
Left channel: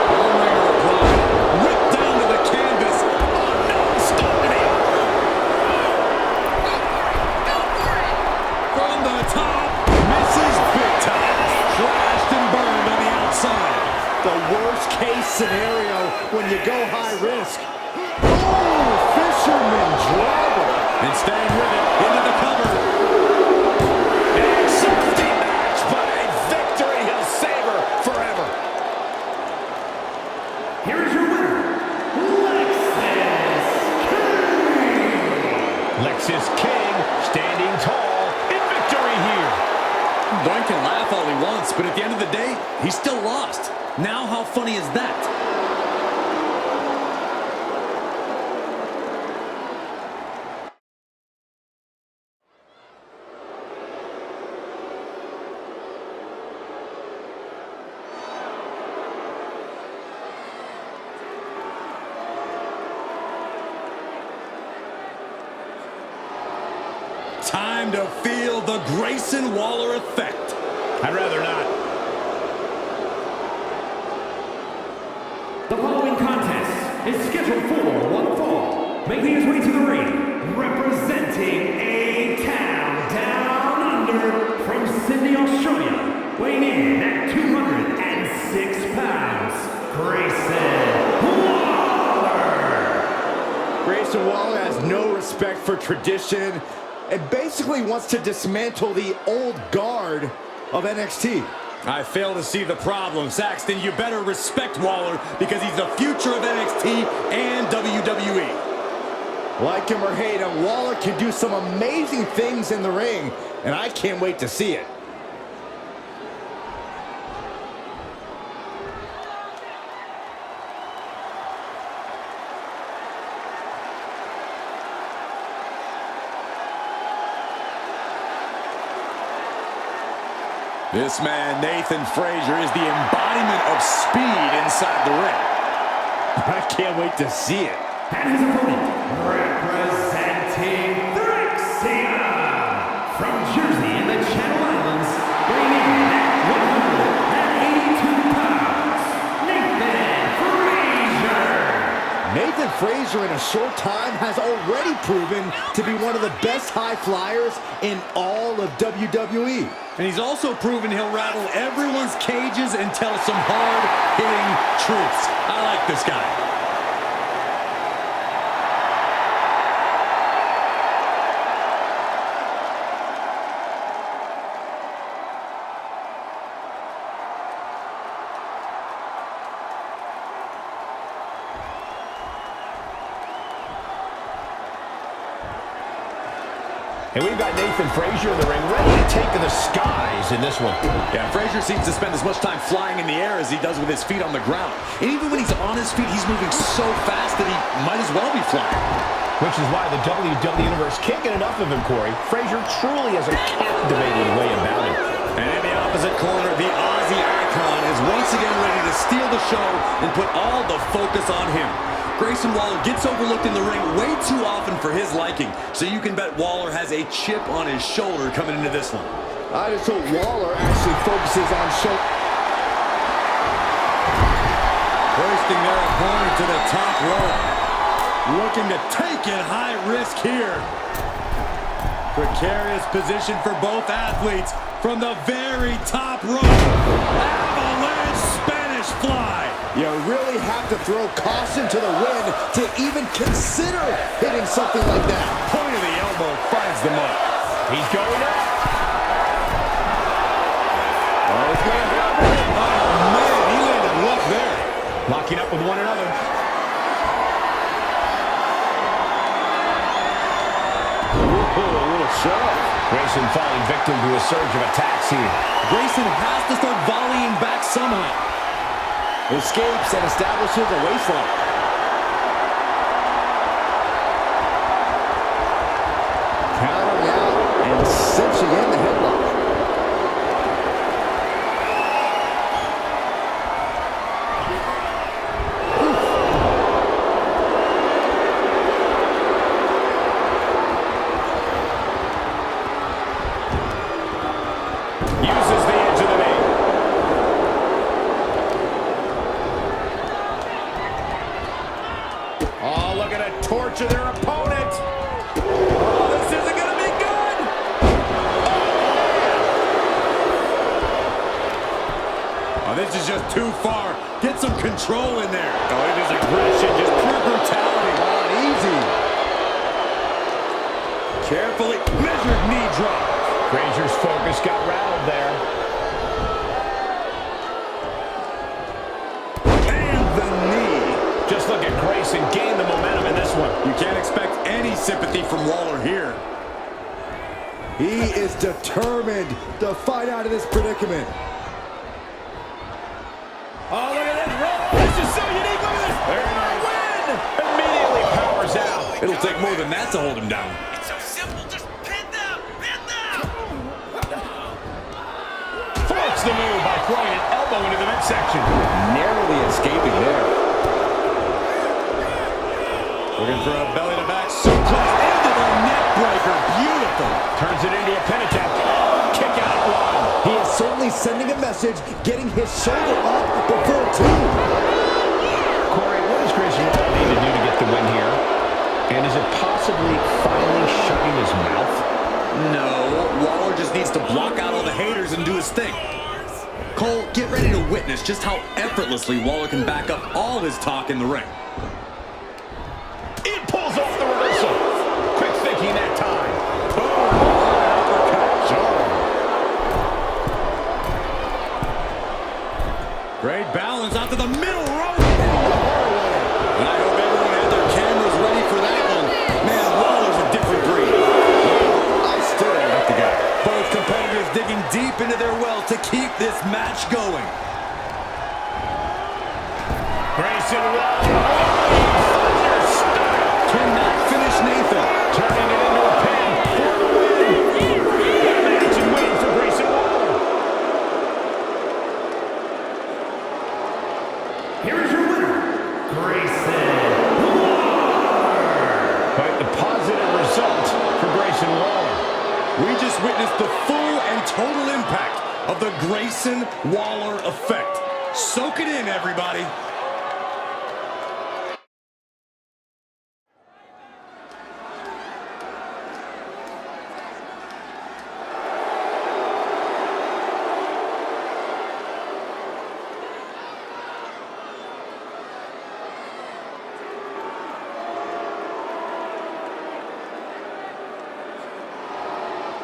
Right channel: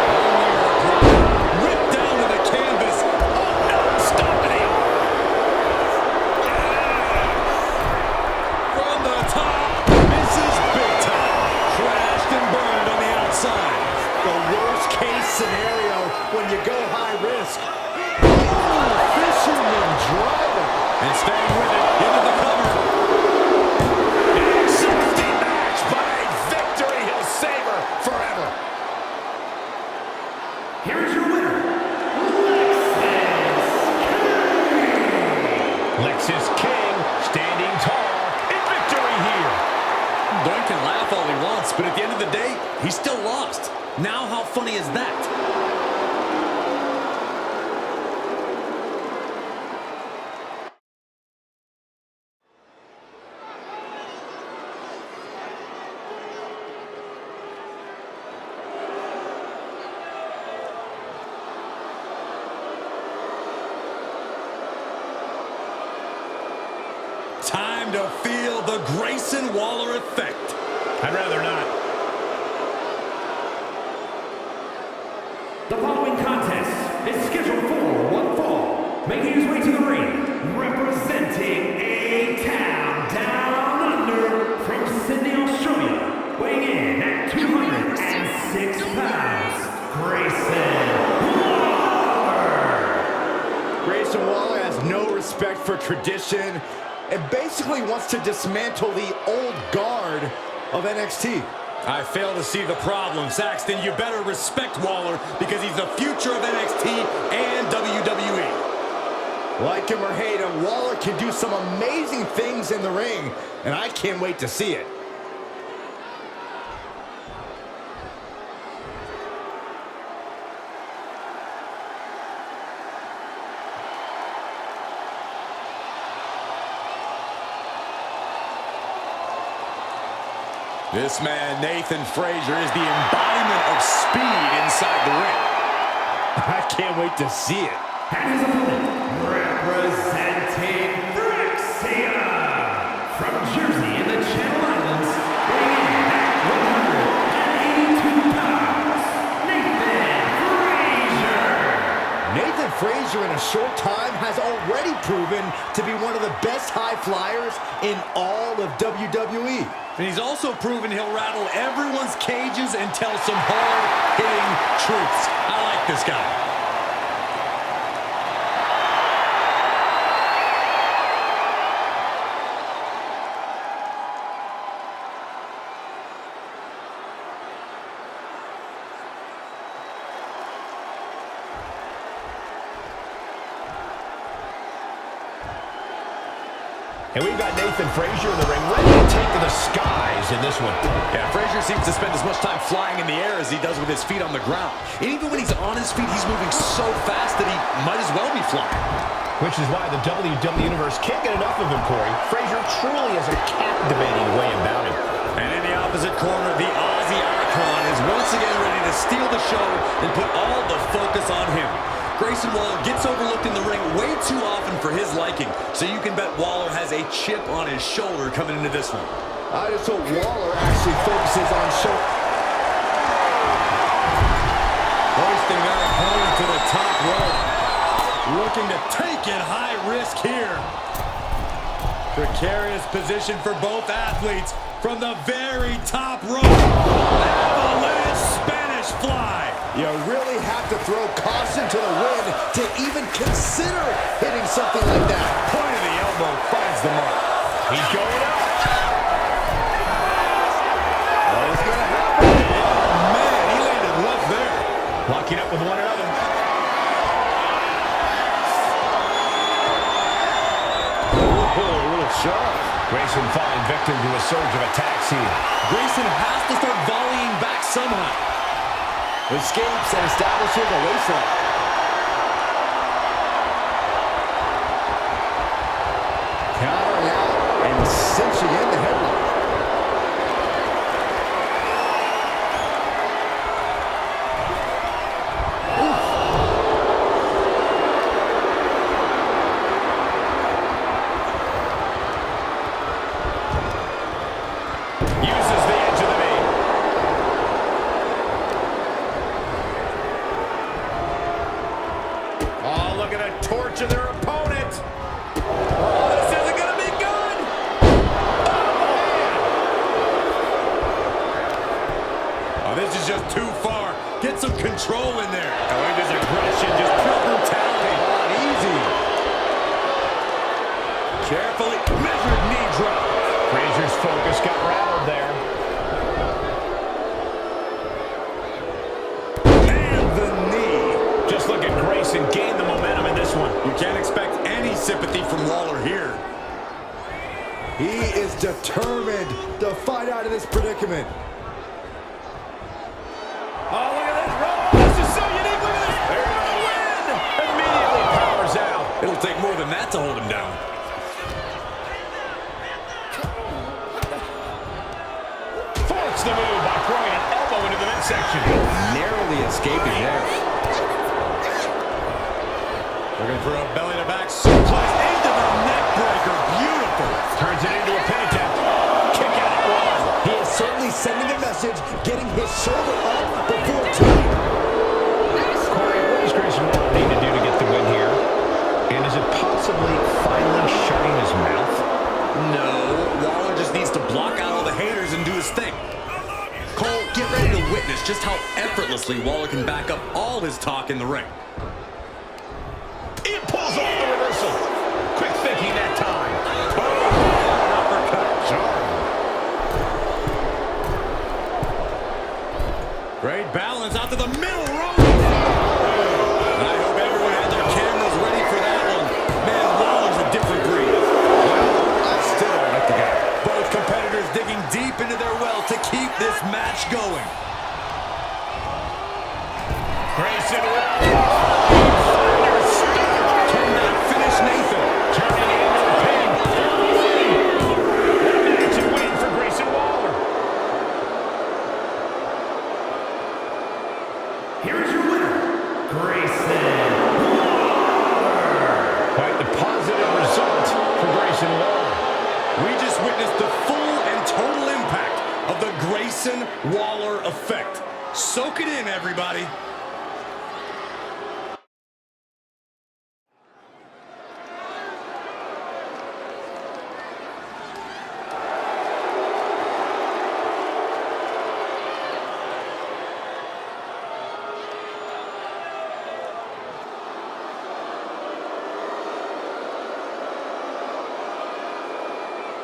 Armringer applied. Ripped down to the canvas. Oh no! Stop to the arm. From the top. Misses big time. Crashed and burned on the outside. The worst case scenario when you go high risk. Oh, fisherman driver. And staying with it, into the cover. An exhausting match, but a victory he'll savor forever. Here is your winner, Lexis King. Lexis King standing tall in victory here. Doink can laugh all he wants, but at the end of the day, he still lost. Now how funny is that? Time to feel the Grayson Waller effect. I'd rather not. The following contest is scheduled for one fall. Making his way to the ring, representing A-Town Down Under from Sydney, Australia, weighing in at 206 pounds, Grayson Waller. Grayson Waller has no respect for tradition and basically wants to dismantle the old guard of NXT. I fail to see the problem. Saxton, you better respect Waller because he's the future of NXT and WWE. Like him or hate him, Waller can do some amazing things in the ring, and I can't wait to see it. This man, Nathan Frazier, is the embodiment of speed inside the ring. I can't wait to see it. And his opponent, representing Threxium from Jersey in the Channel Islands, weighing in at 182 pounds, Nathan Frazier. Nathan Frazier in a short time has already proven to be one of the best high flyers in all of WWE. And he's also proven he'll rattle everyone's cages and tell some hard-hitting truths. I like this guy. And we've got Nathan Frazier in the ring, ready to take to the skies in this one. Yeah, Frazier seems to spend as much time flying in the air as he does with his feet on the ground. And even when he's on his feet, he's moving so fast that he might as well be flying. Which is why the WWE Universe can't get enough of him, Corey. Frazier truly has a captivating way about him. And in the opposite corner, the Aussie icon is once again ready to steal the show and put all the focus on him. Grayson Waller gets overlooked in the ring way too often for his liking, so you can bet Waller has a chip on his shoulder coming into this one. I just hope Waller actually focuses on show. Hoisting their opponent to the top rope. Looking to take it high risk here. Precarious position for both athletes from the very top rope. Avalanche Spanish fly. You really have to throw caution to the wind to even consider hitting something like that. Point of the elbow finds the mark. He's going up. Oh, it's going to happen. Oh, man, he landed rough there. Locking up with one another. Ooh, a little shove. Grayson falling victim to a surge of attacks here. Grayson has to start volleying back somehow. Escapes and establishes a waistlock. Countering out and cinching in the headlock. Oof. Oh, look at a torture their opponent. Oh, this isn't going to be good. Oh, man. Oh, this is just too far. Get some control in there. Oh, look at this aggression, just pure brutality. Come on, easy. Carefully measured knee drop. Frazier's focus got rattled there. And the knee. Just look at Grayson gain the momentum in this one. You can't expect any sympathy from Waller here. He is determined to fight out of this predicament. Oh, look at this. Oh, this is so unique. Look at this. There it For the win. Immediately powers out. It'll take more than that to hold him down. Force the move by throwing an elbow into the midsection. Narrowly escaping there. Looking for a belly-to-back suplex into the neck breaker. Beautiful. Turns it into a pin attempt. Kick out at one. He is certainly sending a message, getting his shoulder up before two. Corey, what does Grayson Waller need to do to get the win here? And is it possibly finally shutting his mouth? No, Waller just needs to block out all the haters and do his thing. Cole, get ready to witness just how effortlessly Waller can back up all his talk in the ring. It pulls off the reversal. Quick thinking that time. Boom, what an uppercut. Jarring. Great balance out to the middle rope. Hitting the hard way. And I hope everyone had their cameras ready for that one. Man, Waller's a different breed. Well, I still don't like the guy. Both competitors digging deep into their well to keep this match going. Grayson Waller rolling thunder stunner. Cannot finish Nathan. Turning it into a pin for the win. What a match and win for Grayson Waller. Here is your winner, Grayson Waller. Quite the positive result for Grayson Waller. We just witnessed the full and total impact of the Grayson Waller effect. Soak it in, everybody.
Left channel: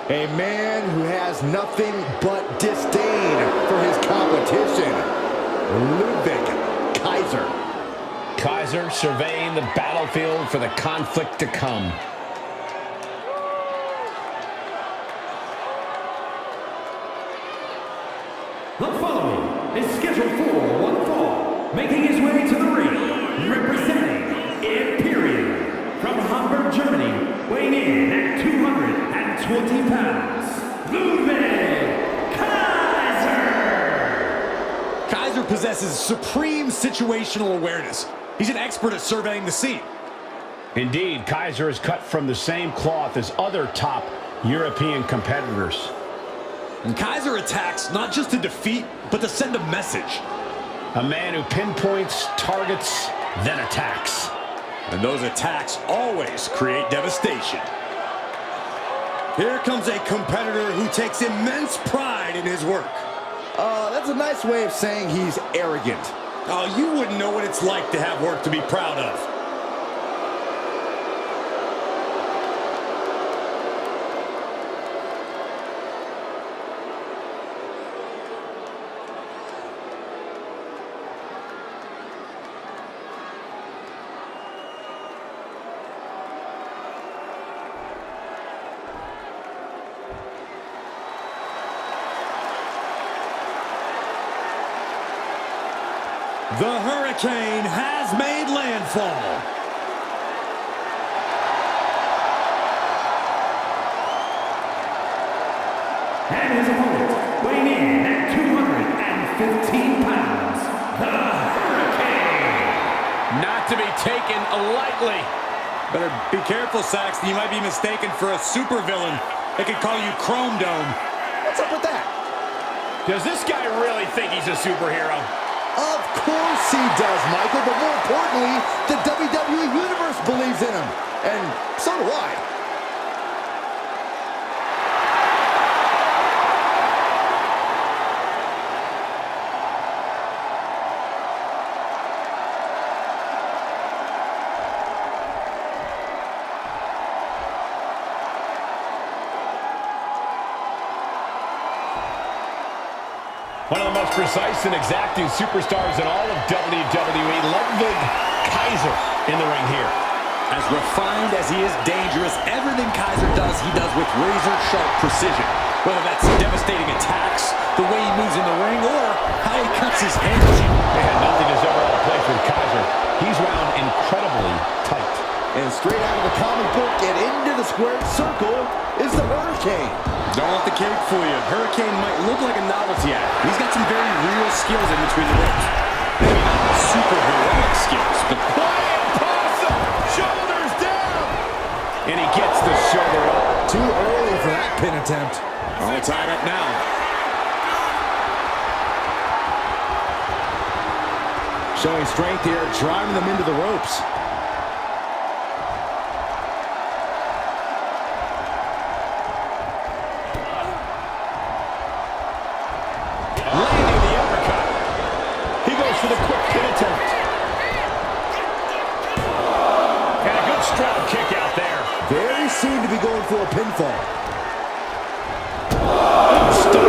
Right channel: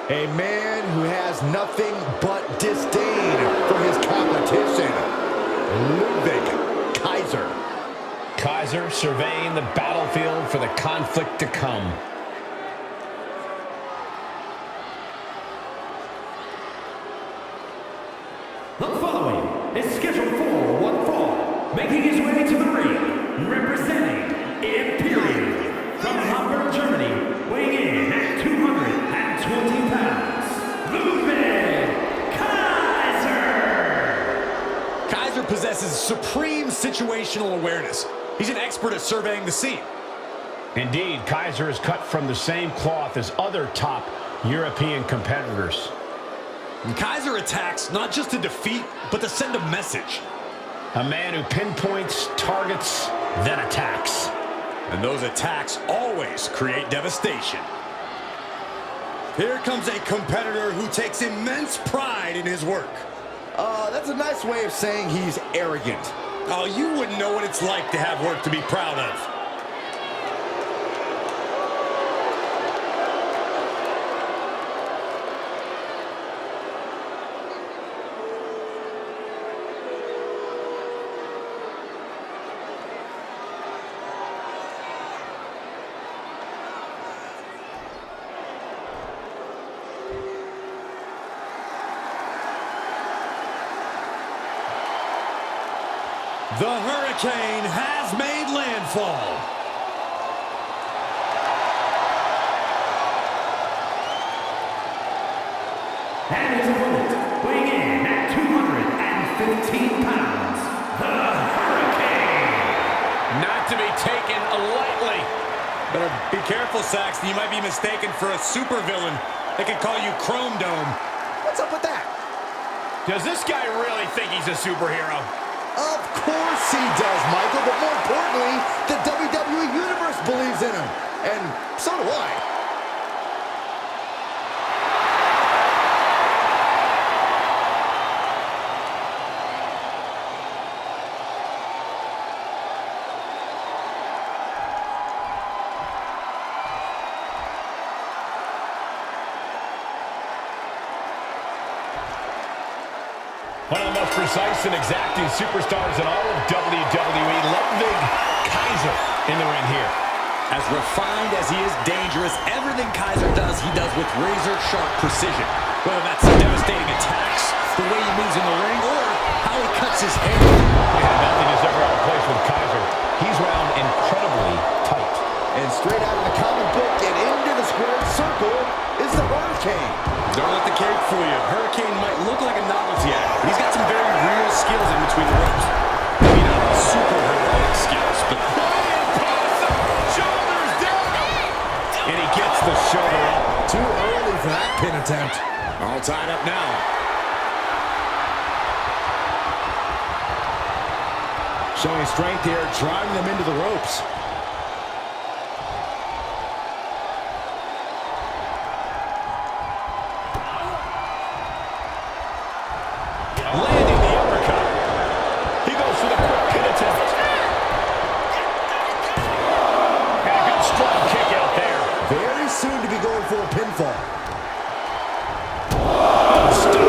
A man who has nothing but disdain for his competition, Ludwig Kaiser. Kaiser surveying the battlefield for the conflict to come. The following is scheduled for one fall, making his way to the ring, representing Imperium from Hamburg, Germany, weighing in at 220 pounds, Ludwig Kaiser! Kaiser possesses supreme situational awareness. He's an expert at surveying the scene. Indeed, Kaiser is cut from the same cloth as other top European competitors. And Kaiser attacks not just to defeat, but to send a message. A man who pinpoints, targets, then attacks. And those attacks always create devastation. Here comes a competitor who takes immense pride in his work. That's a nice way of saying he's arrogant. Oh, you wouldn't know what it's like to have work to be proud of. The Hurricane has made landfall. And his opponent, weighing in at 215 pounds, the Hurricane. Not to be taken lightly. Better be careful, Saxton. You might be mistaken for a supervillain. They could call you Chrome Dome. What's up with that? Does this guy really think he's a superhero? Of course he does, Michael, but more importantly, the WWE Universe believes in him. And so do I. One of the most precise and exacting superstars in all of WWE, Ludwig Kaiser in the ring here. As refined as he is dangerous, everything Kaiser does, he does with razor-sharp precision. Whether that's devastating attacks, the way he moves in the ring, or how he cuts his hair. Yeah, nothing is ever out of place with Kaiser. He's wound incredibly tight. And straight out of the comic book and into the squared circle is the Hurricane. Don't let the cape fool you. Hurricane might look like a novelty act, but he's got some very real skills in between the ropes. Maybe not super heroic skills, but Flying possum! Shoulders down! And he gets the shoulder up. Too early for that pin attempt. all tied up now. Showing strength here, driving them into the ropes. Landing the uppercut. He goes for the quick pin attempt. And a good strong kick out there. Very soon to be going for a pinfall. Oh, stop.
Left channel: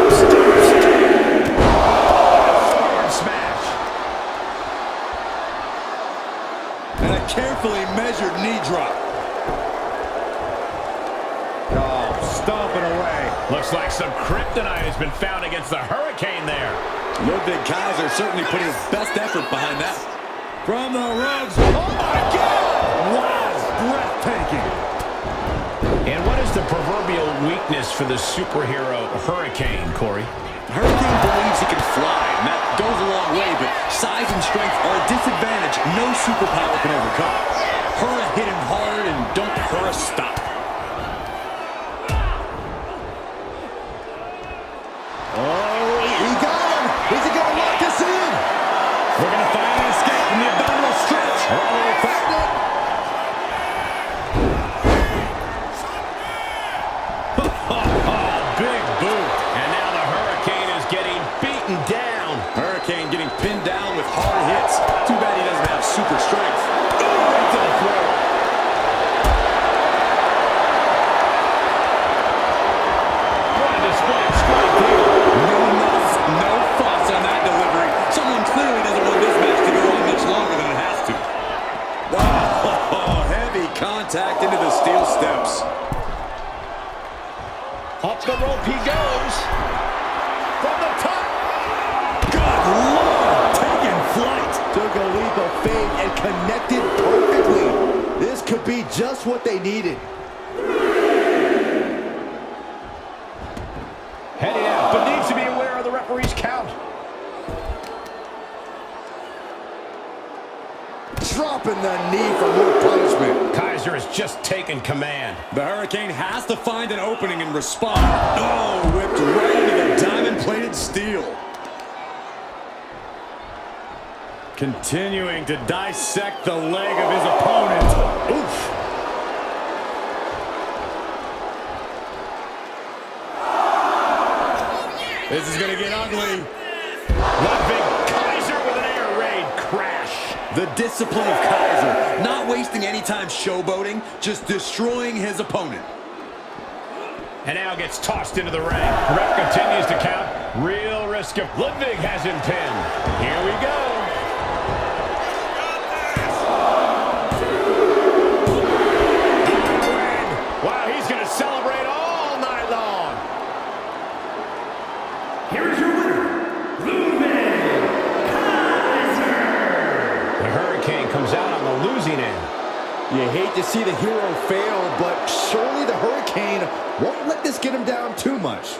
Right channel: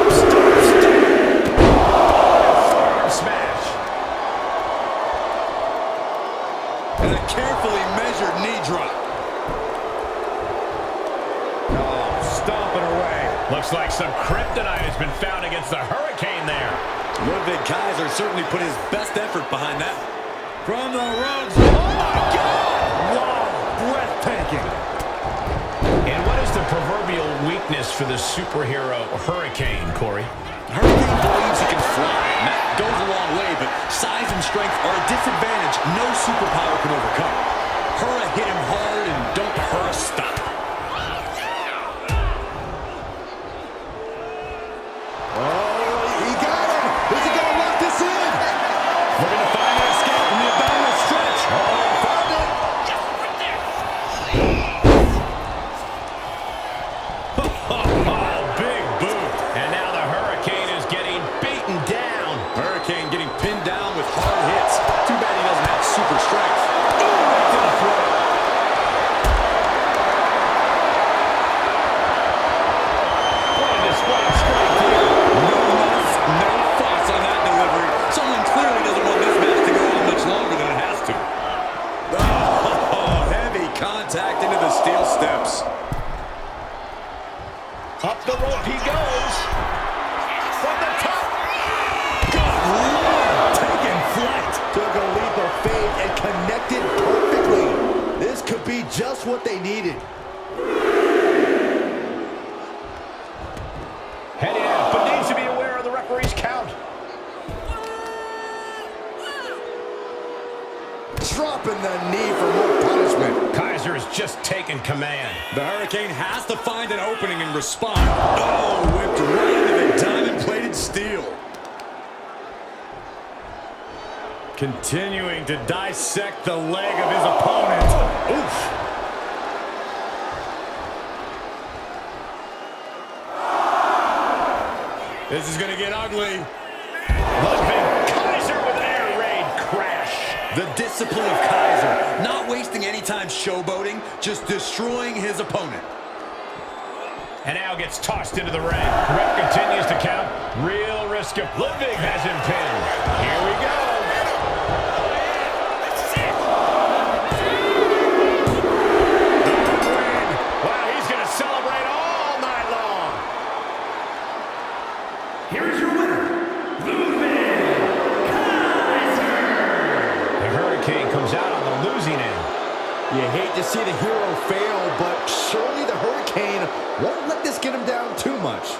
Oh, forearm smash. And a carefully measured knee drop. Oh, stomping away. Looks like some kryptonite has been found against the Hurricane there. Ludwig Kaiser certainly put his best effort behind that. From the ropes. Oh, my God! Wow, breathtaking. And what is the proverbial weakness for the superhero Hurricane, Corey? Hurricane believes he can fly, and that goes a long way, but size and strength are a disadvantage no superpower can overcome. Hurra hit him hard, and don't Hurra stop. Oh, he got him. Is he going to lock this in? Looking to find an escape from the abdominal stretch. Uh-oh, found it. Big boot. And now the Hurricane is getting beaten down. Hurricane getting pinned down with hard hits. Too bad he doesn't have super strength. Ooh, right to the throat. What a display of strength here. No muss, no fuss on that delivery. Someone clearly doesn't want this match to go on much longer than it has to. Oh, heavy contact into the steel steps. Up the rope he goes. From the top. Good Lord, taking flight. Took a leap of faith and connected perfectly. This could be just what they needed. Heading out, but needs to be aware of the referee's count. Dropping the knee for more punishment. Kaiser has just taken command. The Hurricane has to find an opening and respond. Oh, whipped right into the diamond-plated steel. Continuing to dissect the leg of his opponent. Oof. This is going to get ugly. Ludwig Kaiser with an air raid crash. The discipline of Kaiser, not wasting any time showboating, just destroying his opponent. And now gets tossed into the ring. The ref continues to count. Real risk of Ludwig has him pinned. Here we go. On a win. Wow, he's going to celebrate all night long. Here is your winner, Ludwig Kaiser. The Hurricane comes out on the losing end. You hate to see the hero fail, but surely the Hurricane won't let this get him down too much.